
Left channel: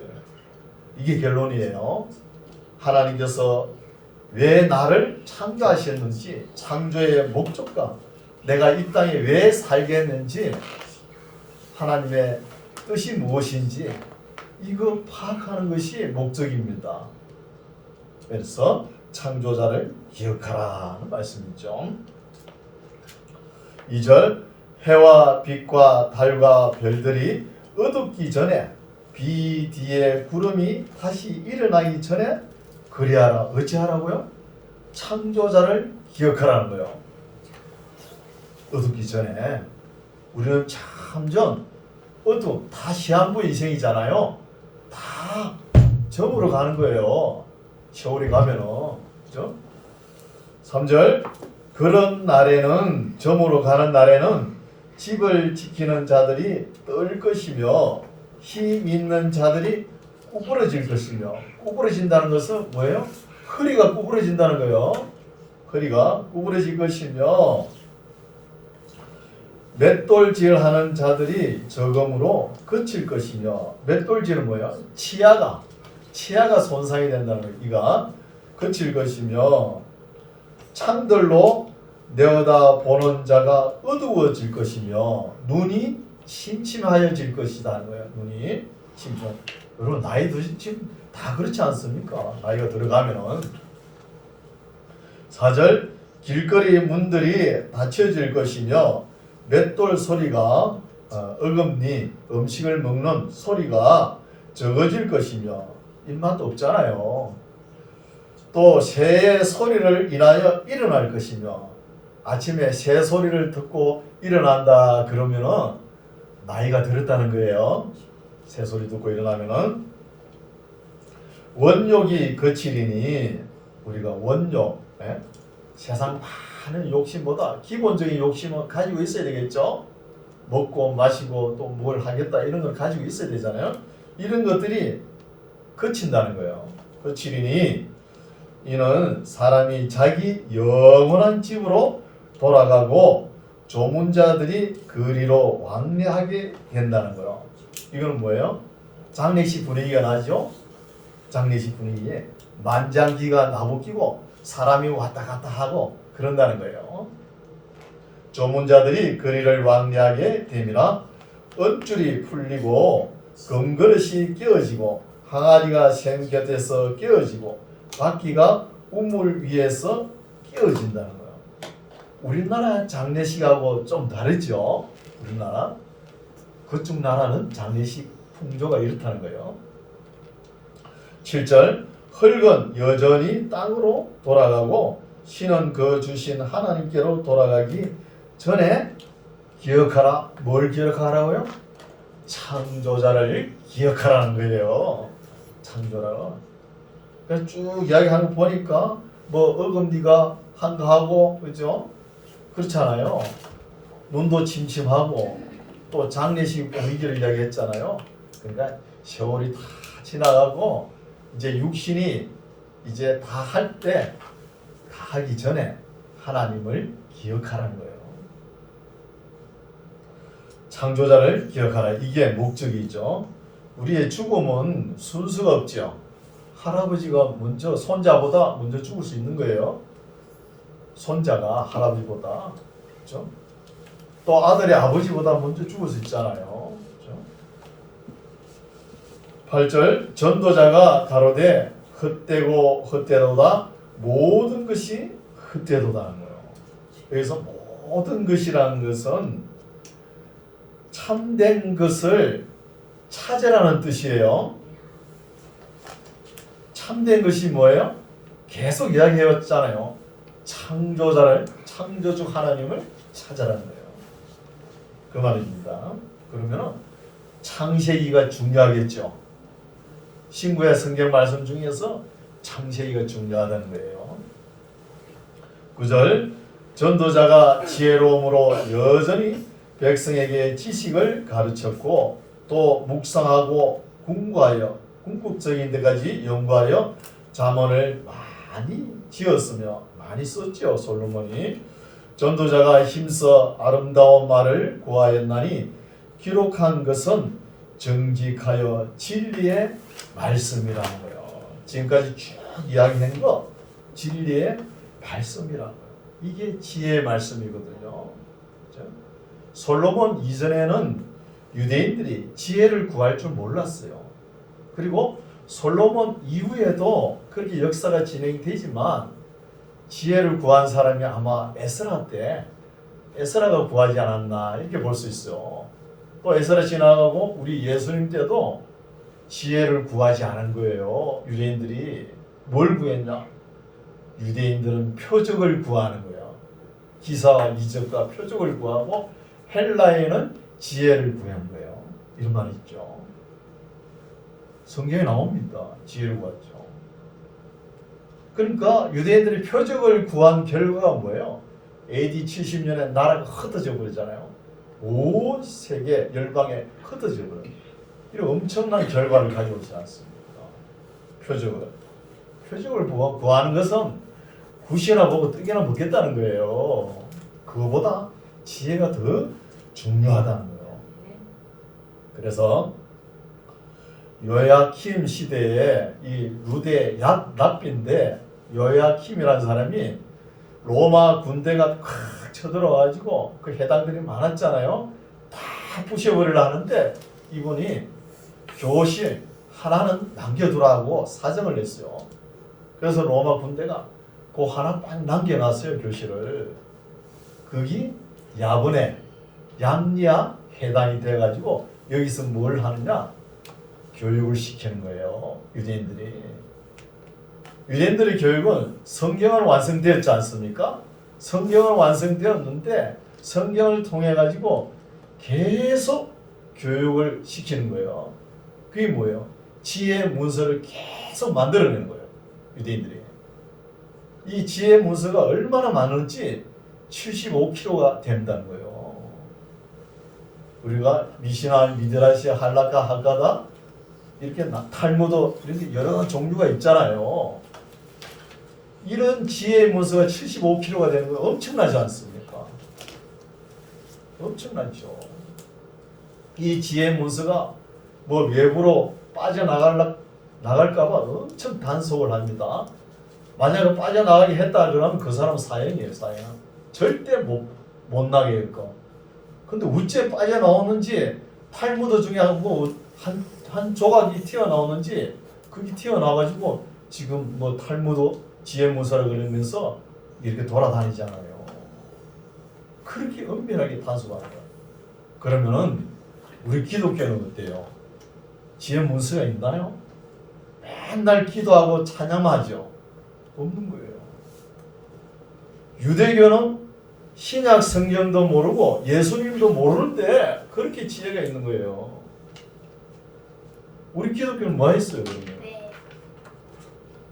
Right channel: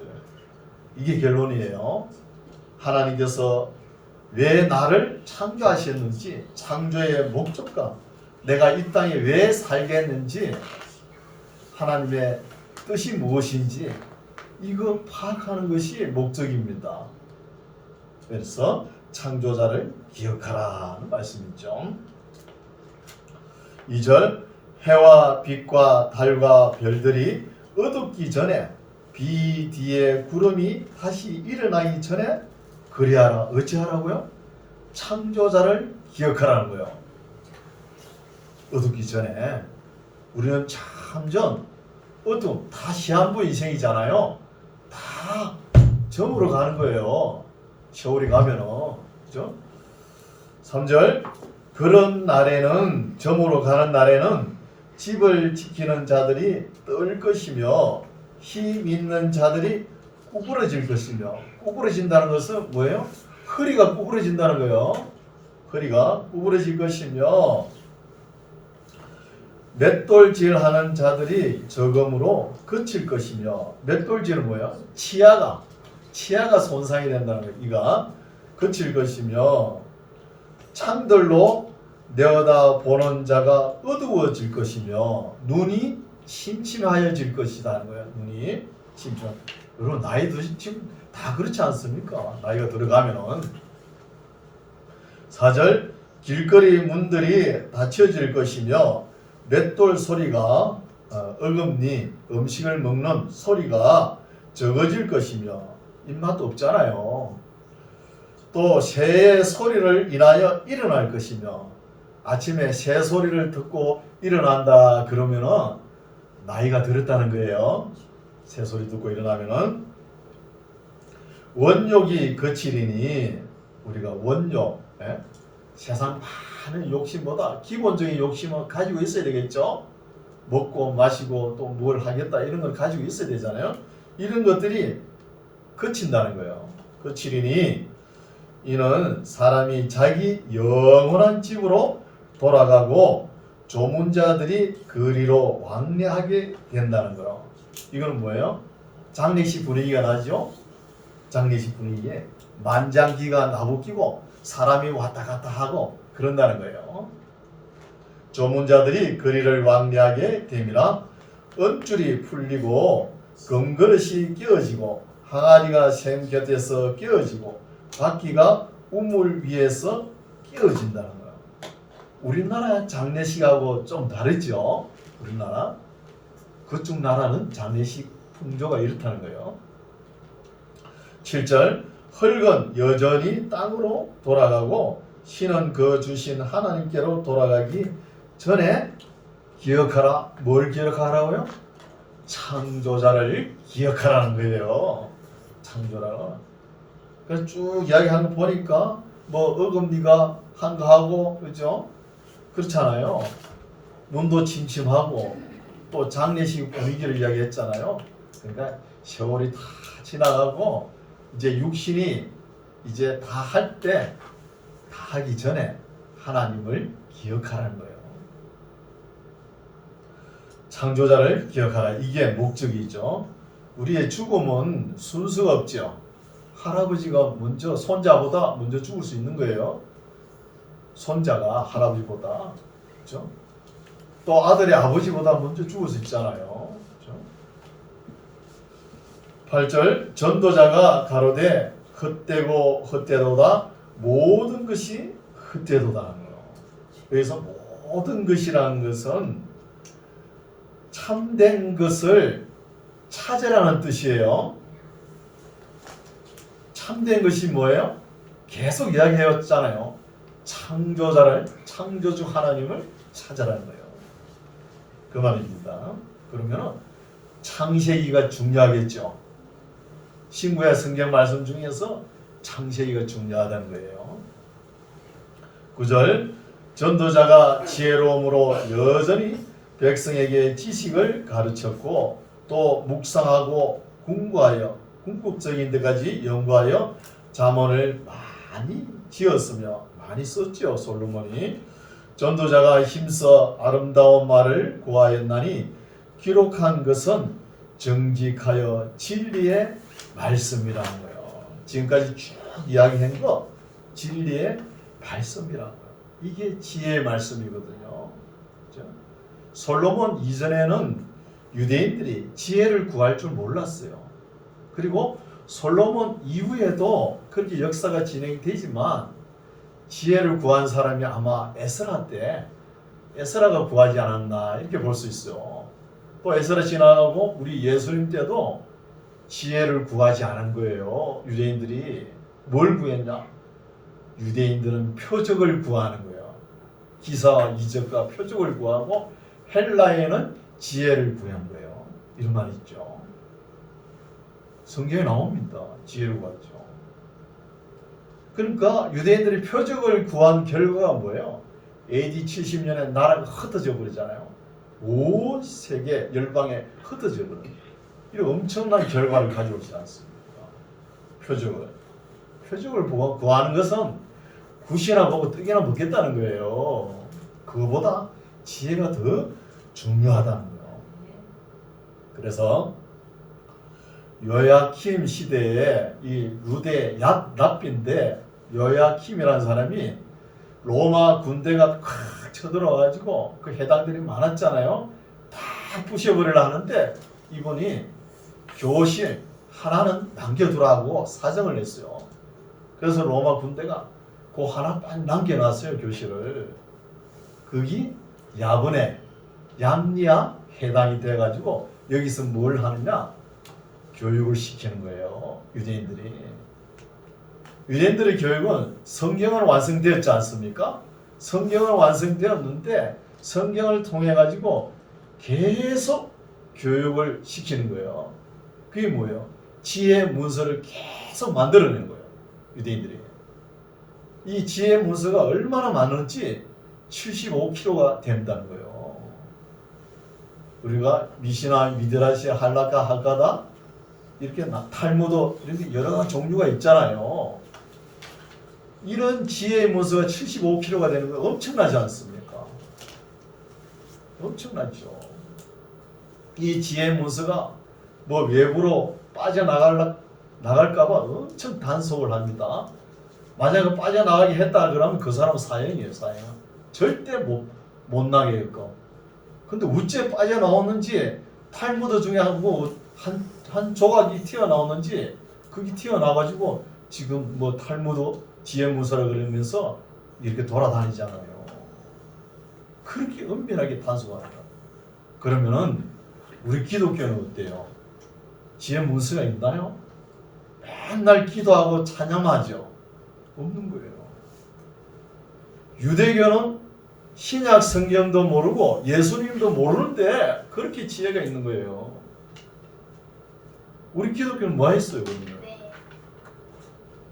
이게 결론이에요. 하나님께서 왜 나를 창조하셨는지, 창조의 목적과 내가 이 땅에 왜 살겠는지, 하나님의 뜻이 무엇인지 이거 파악하는 것이 목적입니다. 그래서 창조자를 기억하라는 말씀이죠. 2절, 해와 빛과 달과 별들이 어둡기 전에 비 뒤에 구름이 다시 일어나기 전에 그리하라. 어찌하라고요? 창조자를 기억하라는 거예요. 어둡기 전에. 우리는 참전 어둠 다 시한부 인생이잖아요. 다 점으로 가는 거예요. 세월이 가면은. 그죠? 3절, 그런 날에는, 점으로 가는 날에는 집을 지키는 자들이 떨 것이며 힘 있는 자들이 구부러질 것이며, 구부러진다는 것은 뭐예요? 허리가 구부러진다는 거예요. 허리가 구부러질 것이며, 맷돌질하는 자들이 적음으로 그칠 것이며, 맷돌질은 뭐예요? 치아가 손상이 된다는 거예요. 이가 그칠 것이며, 창들로 내어다 보는 자가 어두워질 것이며, 눈이 침침하여질 것이다 하는 거예요. 눈이 침침. 여러분 나이도 지금 다 그렇지 않습니까? 나이가 들어가면은. 4절, 길거리 문들이 닫혀질 것이며 맷돌 소리가 어금니 음식을 먹는 소리가 적어질 것이며, 입맛 없잖아요. 또 새의 소리를 인하여 일어날 것이며, 아침에 새 소리를 듣고 일어난다 그러면은 나이가 들었다는 거예요. 새 소리 듣고 일어나면은. 원욕이 거칠이니, 우리가 원욕, 세상 많은 욕심보다 기본적인 욕심은 가지고 있어야 되겠죠. 먹고 마시고 또 뭘 하겠다 이런 걸 가지고 있어야 되잖아요. 이런 것들이 거친다는 거예요. 거칠이니 이는 사람이 자기 영원한 집으로 돌아가고 조문자들이 그리로 왕래하게 된다는 거예요. 이건 뭐예요? 장례식 분위기가 나죠. 장례식 분위기에 만장기가 나부끼고 사람이 왔다 갔다 하고 그런다는 거예요. 조문자들이 그리를 왕래하게 됨이나 엇줄이 풀리고 금그릇이 깨어지고 항아리가 샘 곁에서 깨어지고 바퀴가 우물 위에서 깨어진다는 거예요. 우리나라 장례식하고 좀 다르죠. 우리나라 그쪽 나라는 장례식 풍조가 이렇다는 거예요. 7절, 흙은 여전히 땅으로 돌아가고 신은 그 주신 하나님께로 돌아가기 전에 기억하라. 뭘 기억하라고요? 창조자를 기억하라는 거예요. 창조라. 그래서 쭉 이야기하는 거 보니까 뭐 어금니가 한가하고 그죠? 그렇잖아요. 문도 침침하고 또 장례식 분위기를 이야기했잖아요. 그러니까 세월이 다 지나가고 이제 육신이 이제 다 할 때, 다 하기 전에 하나님을 기억하라는 거예요. 창조자를 기억하라. 이게 목적이죠. 우리의 죽음은 순서가 없죠. 할아버지가 먼저 손자보다 먼저 죽을 수 있는 거예요. 손자가 할아버지보다. 그렇죠? 또 아들이 아버지보다 먼저 죽을 수 있잖아요. 그렇죠? 8절, 전도자가 가로되 헛되고 헛되도다 모든 것이 헛되도다는 거예요. 그래서 모든 것이라는 것은 참된 것을 찾으라는 뜻이에요. 참된 것이 뭐예요? 계속 이야기해왔잖아요. 창조자를, 창조주 하나님을 찾으라는 거예요. 그 말입니다. 그러면 창세기가 중요하겠죠. 신구약 성경 말씀 중에서 창세기가 중요하다는 거예요. 9절, 전도자가 지혜로움으로 여전히 백성에게 지식을 가르쳤고 또 묵상하고 궁구하여 궁극적인 데까지 연구하여 잠언을 많이 지었으며 많이 썼죠. 솔로몬이. 전도자가 힘써 아름다운 말을 고하였나니 기록한 것은 정직하여 진리의 말씀이라는 거예요. 지금까지 쭉 이야기한 거 진리의 말씀이라고. 이게 지혜의 말씀이거든요. 그렇죠? 솔로몬 이전에는 유대인들이 지혜를 구할 줄 몰랐어요. 그리고 솔로몬 이후에도 그렇게 역사가 진행되지만 지혜를 구한 사람이 아마 에스라 때 에스라가 구하지 않았나 이렇게 볼 수 있어요. 또 에스라 지나가고 우리 예수님 때도 지혜를 구하지 않은 거예요. 유대인들이 뭘 구했냐? 유대인들은 표적을 구하는 거예요. 기사와 이적과 표적을 구하고 헬라에는 지혜를 구한 거예요. 이런 말이 있죠. 성경에 나옵니다. 지혜를 구했죠. 그러니까 유대인들이 표적을 구한 결과가 뭐예요? AD 70년에 나라가 흩어져 버리잖아요. 온 세계 열방에 흩어져 버려요. 이런 엄청난 결과를 가져오지 않습니까? 표적을 구하는 것은 굿이나 보고 떡이나 먹겠다는 거예요. 그거보다 지혜가 더 중요하다는 거예요. 그래서 요야킴 시대에 이 루데 납비인데 요야킴이라는 사람이 로마 군대가 콱 쳐들어가지고 그 해당들이 많았잖아요. 다 부셔버리려 하는데 이분이 교실 하나는 남겨두라고 사정을 냈어요. 그래서 로마 군대가 그 하나 딱 남겨놨어요. 교실을. 거기 야분에 양리아 해당이 돼가지고 여기서 뭘 하느냐? 교육을 시키는 거예요. 유대인들의 교육은 성경은 완성되었지 않습니까? 성경은 완성되었는데 성경을 통해 가지고 계속 교육을 시키는 거예요. 그게 뭐예요? 지혜의 문서를 계속 만들어내는 거예요. 유대인들이. 이 지혜의 문서가 얼마나 많은지 75kg가 된다는 거예요. 우리가 미시나, 미드라시, 할라카, 하가다 이렇게 탈무드 이렇게 여러 종류가 있잖아요. 이런 지혜의 문서가 75kg가 되는 거 엄청나지 않습니까? 엄청나죠. 이 지혜의 문서가 뭐 외부로 빠져나갈까봐 엄청 단속을 합니다. 만약에 빠져나가게 했다 그러면 그 사람은 사형이에요. 사형. 절대 못 나게 했고. 근데 어째 빠져나오는지 탈무드 중에 한 조각이 튀어나오는지 그게 튀어나와가지고 지금 뭐 탈무드 지혜 문서를 그리면서 이렇게 돌아다니잖아요. 그렇게 은밀하게 단속합니다. 그러면은 우리 기독교는 어때요? 지혜 문서가 있나요? 맨날 기도하고 찬양하죠. 없는 거예요. 유대교는 신약 성경도 모르고 예수님도 모르는데 그렇게 지혜가 있는 거예요. 우리 기독교는 뭐 했어요, 그러면?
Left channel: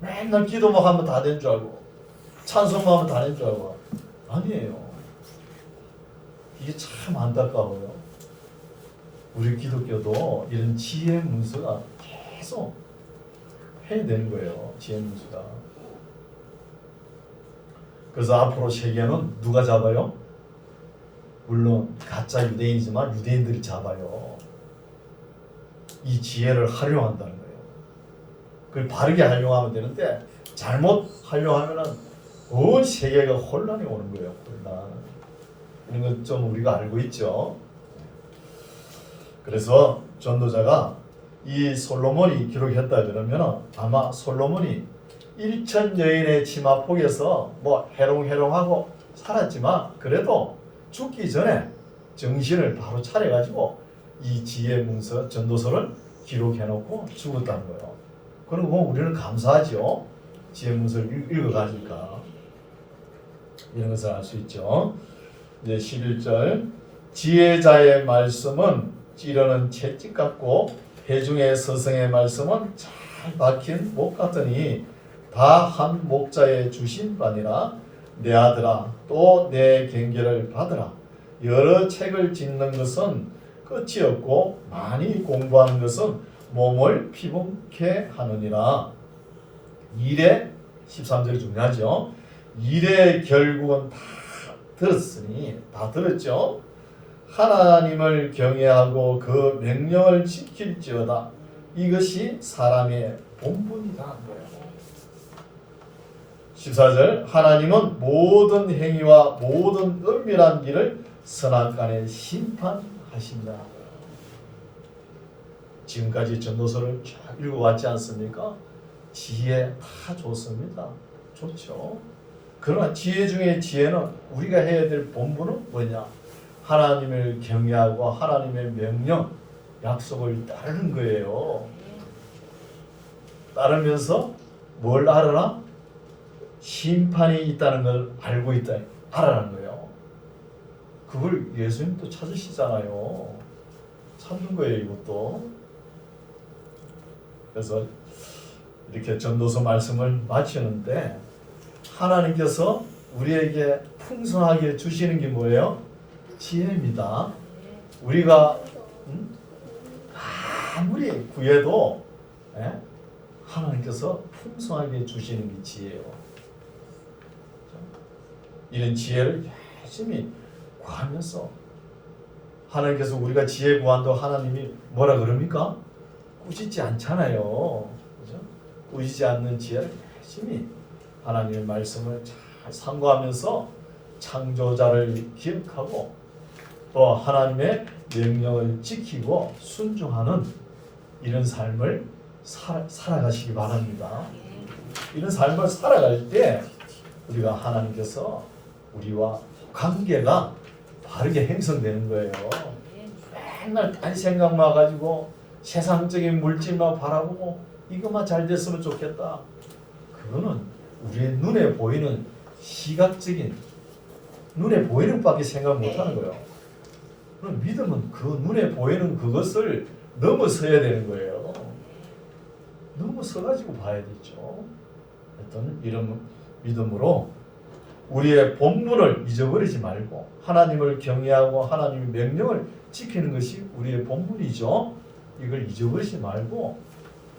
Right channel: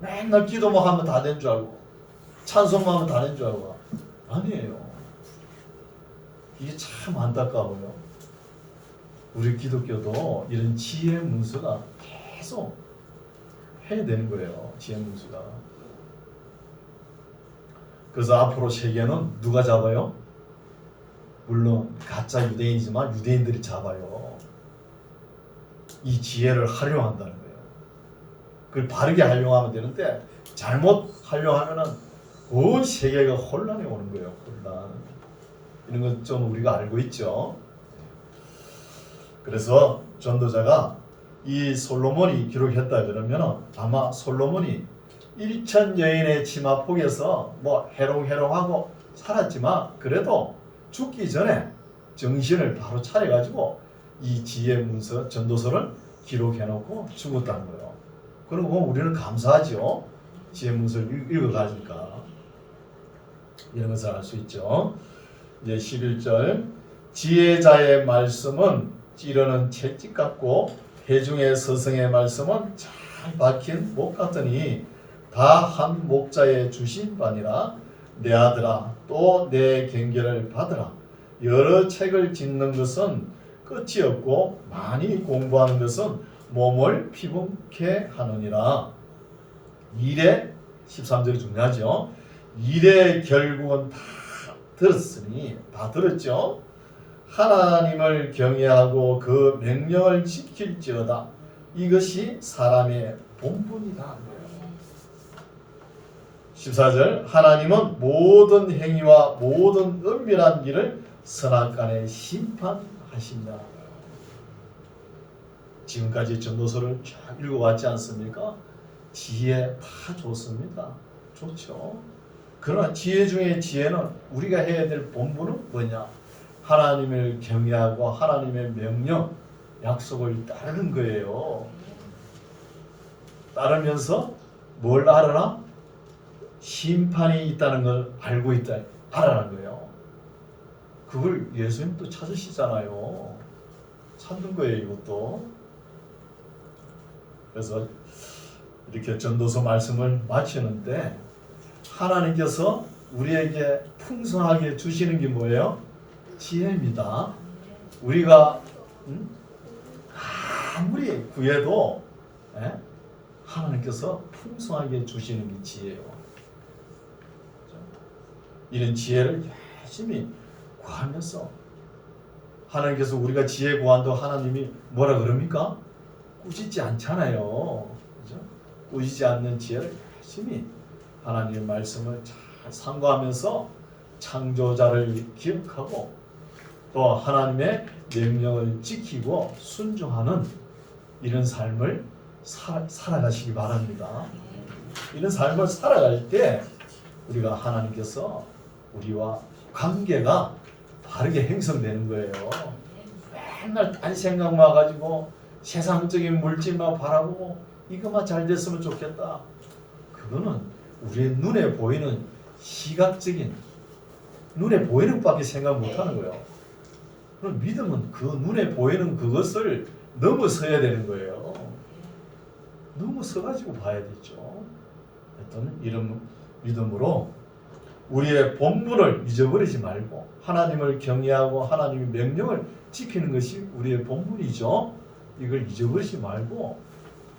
맨날 기도만 하면 다 된 줄 알고 찬송만 하면 다 된 줄 알고 아니에요. 이게 참 안타까워요. 우리 기독교도 이런 지혜 문서가 계속 해야 되는 거예요. 지혜 문서가. 그래서 앞으로 세계는 누가 잡아요? 물론 가짜 유대인이지만 유대인들이 잡아요. 이 지혜를 활용한다는 거예요. 그걸 바르게 활용하면 되는데 잘못 활용하면은 온 세계가 혼란이 오는 거예요. 혼란. 이런 건 좀 우리가 알고 있죠. 그래서 전도자가 이 솔로몬이 기록했다 그러면 아마 솔로몬이 1천 여인의 치마폭에서 뭐 해롱해롱하고 살았지만 그래도 죽기 전에 정신을 바로 차려가지고 이 지혜 문서 전도서를 기록해놓고 죽었다는 거예요. 그리고 우리는 감사하죠. 지혜 문서를 읽어가니까 이런 것을 알 수 있죠. 이제 11절 지혜자의 말씀은 찌르는 채찍 같고 회중의 스승의 말씀은 잘 박힌 목 같으니 다 한 목자의 주신 바니라. 내 아들아 또 내 경계를 받으라. 여러 책을 짓는 것은 끝이 없고 많이 공부하는 것은 몸을 피곤케 하느니라. 일의 13절이 중요하죠. 일의 결국은 다 들었으니 다 들었죠. 하나님을 경외하고 그 명령을 지킬지어다. 이것이 사람의 본분이라는 거예요. 14절 하나님은 모든 행위와 모든 은밀한 일을 선악간에 심판하십니다. 지금까지 전도서를 쭉 읽어왔지 않습니까? 지혜 다 좋습니다. 좋죠. 그러나 지혜 중에 지혜는 우리가 해야 될 본분은 뭐냐? 하나님을 경외하고 하나님의 명령, 약속을 따르는 거예요. 따르면서 뭘 알아라? 심판이 있다는 걸 알고 있다. 알아라는 거예요. 그걸 예수님도 찾으시잖아요. 찾는 거예요, 이것도. 그래서 이렇게 전도서 말씀을 마치는데 하나님께서 우리에게 풍성하게 주시는 게 뭐예요? 지혜입니다. 우리가 아무리 구해도 하나님께서 풍성하게 주시는 게 지혜예요. 이런 지혜를 열심히 구하면서 하나님께서 우리가 지혜 구한다고 하나님이 뭐라 그럽니까? 꾸짖지 않잖아요. 그죠? 꾸짖지 않는 지혜를 열심히 하나님의 말씀을 잘 상고하면서 창조자를 기억하고 또 하나님의 명령을 지키고 순종하는 이런 삶을 살아가시기 바랍니다. 이런 삶을 살아갈 때 우리가 하나님께서 우리와 관계가 바르게 형성되는 거예요. 맨날 딴 생각만 가지고 세상적인 물질만 바라보고 이것만 잘 됐으면 좋겠다. 그거는 우리의 눈에 보이는 시각적인 눈에 보이는 밖에 생각 못하는 거예요. 그럼 믿음은 그 눈에 보이는 그것을 넘어서야 되는 거예요. 넘어서가지고 봐야겠죠. 어떤 이런 믿음으로 우리의 본분을 잊어버리지 말고 하나님을 경외하고 하나님의 명령을 지키는 것이 우리의 본분이죠. 이걸 잊어버리지 말고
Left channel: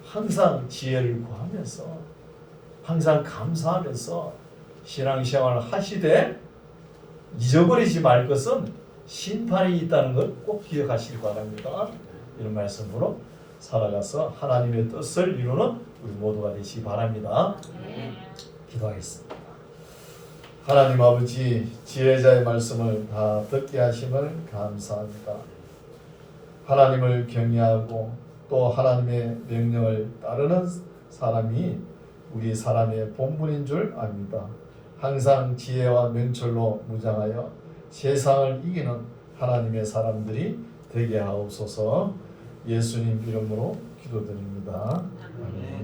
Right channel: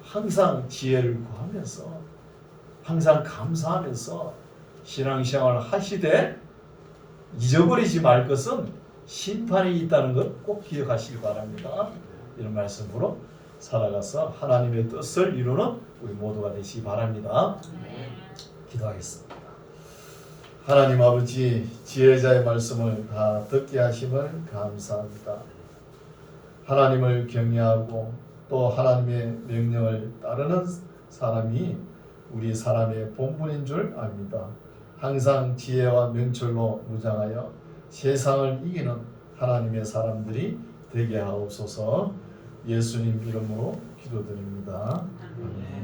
항상 지혜를 구하면서 항상 감사하면서 신앙생활을 하시되 잊어버리지 말 것은 심판이 있다는 것 꼭 기억하시기 바랍니다. 이런 말씀으로 살아가서 하나님의 뜻을 이루는 우리 모두가 되시기 바랍니다. 기도하겠습니다. 하나님 아버지, 지혜자의 말씀을 다 듣게 하심을 감사합니다. 하나님을 경외하고 또 하나님의 명령을 따르는 사람이 우리 사람의 본분인 줄 압니다. 항상 지혜와 명철로 무장하여 세상을 이기는 하나님의 사람들이 되게 하옵소서. 예수님 이름으로 기도드립니다. 아멘.